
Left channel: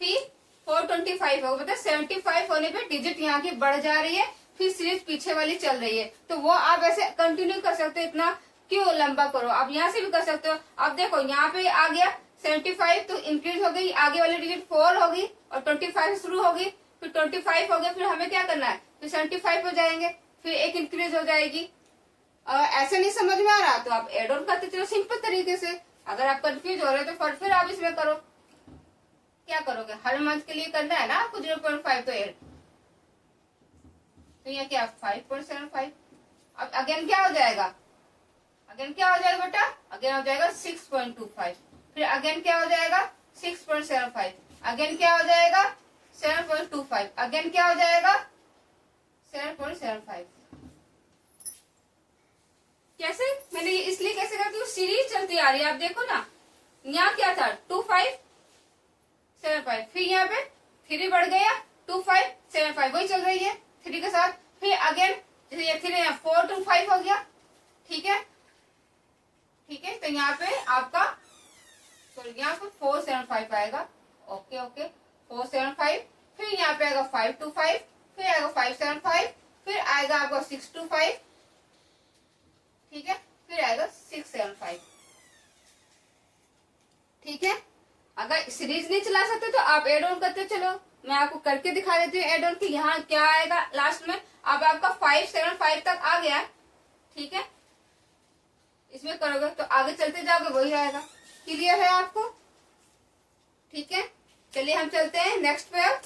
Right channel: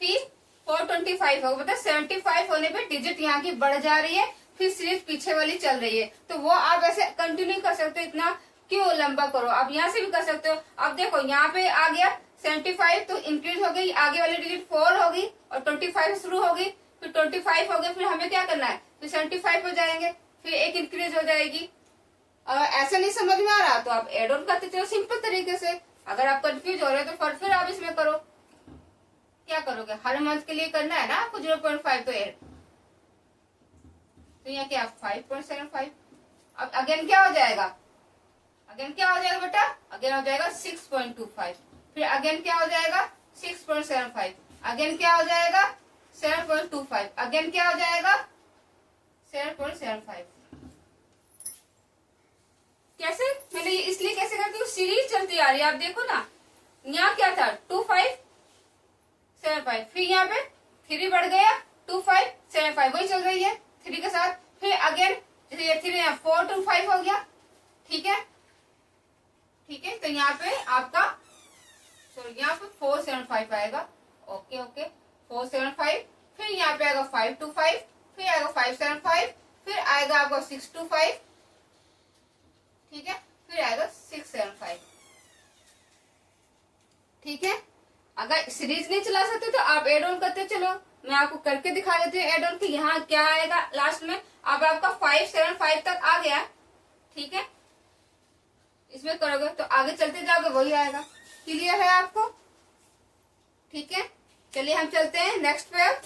फिर 425 होगा। मतलब 75 होने पे डिजिट यहाँ की बढ़ जा रही है, फिर सिर्फ पीछे वाली चल रही है। तो वो आप ऐसे कंटिन्यू कर सकते हो, इतना क्यों लंबा करो, आप यहाँ से भी कर सकते हो। अब देखो यहाँ पे आ गया 75, तो इंक्रीज हो गई, आगे वाली डिजिट 4 होगी और 25 से शुरू होगी, फिर 25 हो गया, फिर हमें क्या करना है फिर 75 हो जाएंगे, फिर एक इंक्रीज हो जाएगी। ऐसा नहीं समझ में आ रहा तो आप एड ऑन करते चलो सिंपल तरीके से। अगर आप कंफ्यूज हो रहे हो तो फिर आप इसमें करो, क्या करोगे हर मंथ के लिए करना है ना आपको 0.5, तो एड, तो यहाँ क्या 5.75। अब अगेन क्या हो जाएगा, अगेन क्या हो जाएगा बेटा, अगेन हो जाएगा 6.25, फिर अगेन क्या हो जाएगा 6.75, अगेन क्या हो जाएगा 7.25, अगेन क्या हो जाएगा 7.75। कैसे, मैंने ये इसलिए कैसे कहा कि सीरीज चलती आ रही है। आप देखो ना यहाँ क्या था 2575, फिर यहाँ पे 3 बढ़ गया 2575, वही चल रही है 3 के साथ, फिर अगेन जैसे ये 3 यहाँ 425 हो गया, ठीक है, ठीक है। तो यहाँ पे आपका सॉरी यहाँ पे 475 आएगा, ओके ओके 475, फिर यहाँ पे आएगा 525, फिर आएगा 575, फिर आएगा आपका 625, ठीक है, फिर आएगा 675, ठीक है। अगर सीरीज नहीं चला सकते तो आप एड ऑन करते चलो, मैं आपको करके दिखा देती हूँ एड ऑन की। यहाँ क्या आएगा लास्ट में, अब आपका 575 तक आ गया, ठीक है, इसमें करोगे तो आगे चलते जाओगे वही आएगा। क्लियर है आपको, ठीक है। चलिए हम चलते हैं नेक्स्ट पे। अब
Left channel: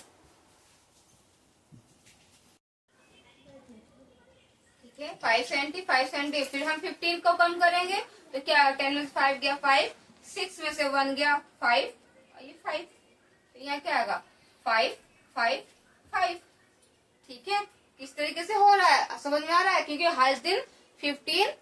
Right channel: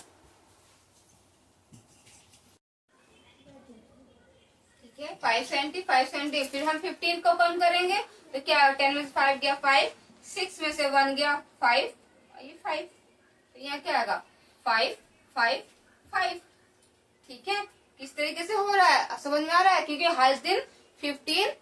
ठीक है 570 570, फिर हम 15 को कम करेंगे तो क्या 10 में 5 गया 5, 6 में से 1 गया 5, ये 5, तो यहाँ क्या आएगा 5 5 5, ठीक है। किस तरीके से हो रहा है समझ में आ रहा है, क्योंकि हर दिन 15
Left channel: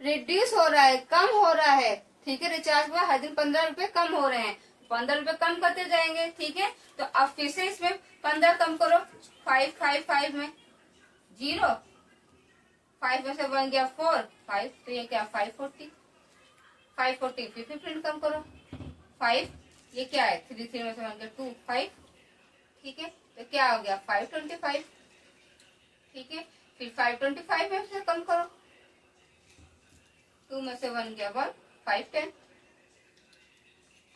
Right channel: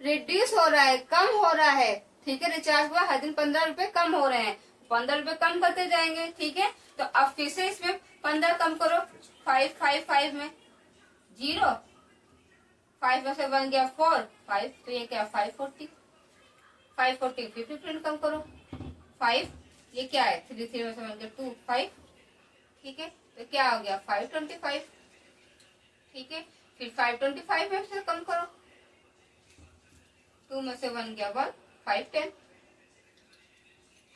रिड्यूस हो रहा है, कम हो रहा है, ठीक है। रिचार्ज हुआ हर दिन 15 रुपए कम हो रहे हैं, 15 रुपए कम करते जाएंगे, ठीक है। तो अब फिर से इसमें 15 कम करो, 5 5 5 में 0, 5 में से 1 गया 4 5, तो ये क्या 540, 540 फिर 15 कम करो 5, ये क्या है 3 3 में से 1 गया 2 5, ठीक है। तो क्या हो गया 525, ठीक है। फिर 525 में से कम करो, 2 में से 1 गया 1, 5 10,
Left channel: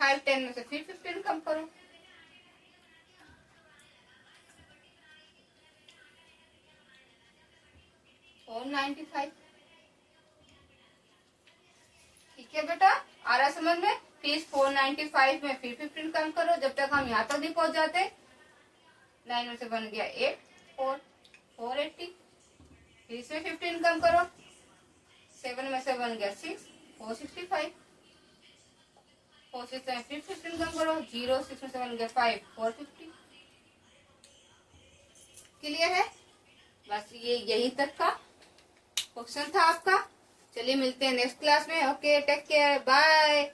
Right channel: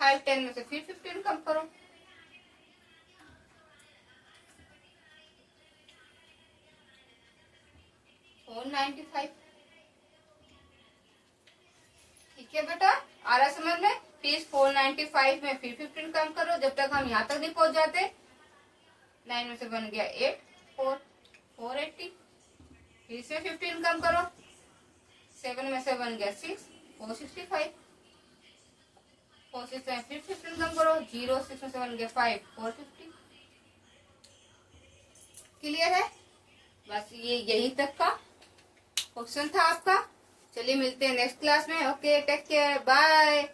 5 10 में से फिर 15 कम करो, 495, ठीक है बेटा। आ रहा समझ में। फिर 495 में फिर 15 कम करो जब तक हम यहाँ तक नहीं पहुंच जाते। 9 में से बन गया 8, 480। फिर इसमें 15 कम करो, 7 में से बन गया 6, 465। 4 6 में फिर 15 कम करो, 0 6 में से बन गया 5, 450। क्लियर है? बस ये यहीं तक का क्वेश्चन था आपका। चलिए मिलते हैं नेक्स्ट क्लास में। Okay, take care, bye.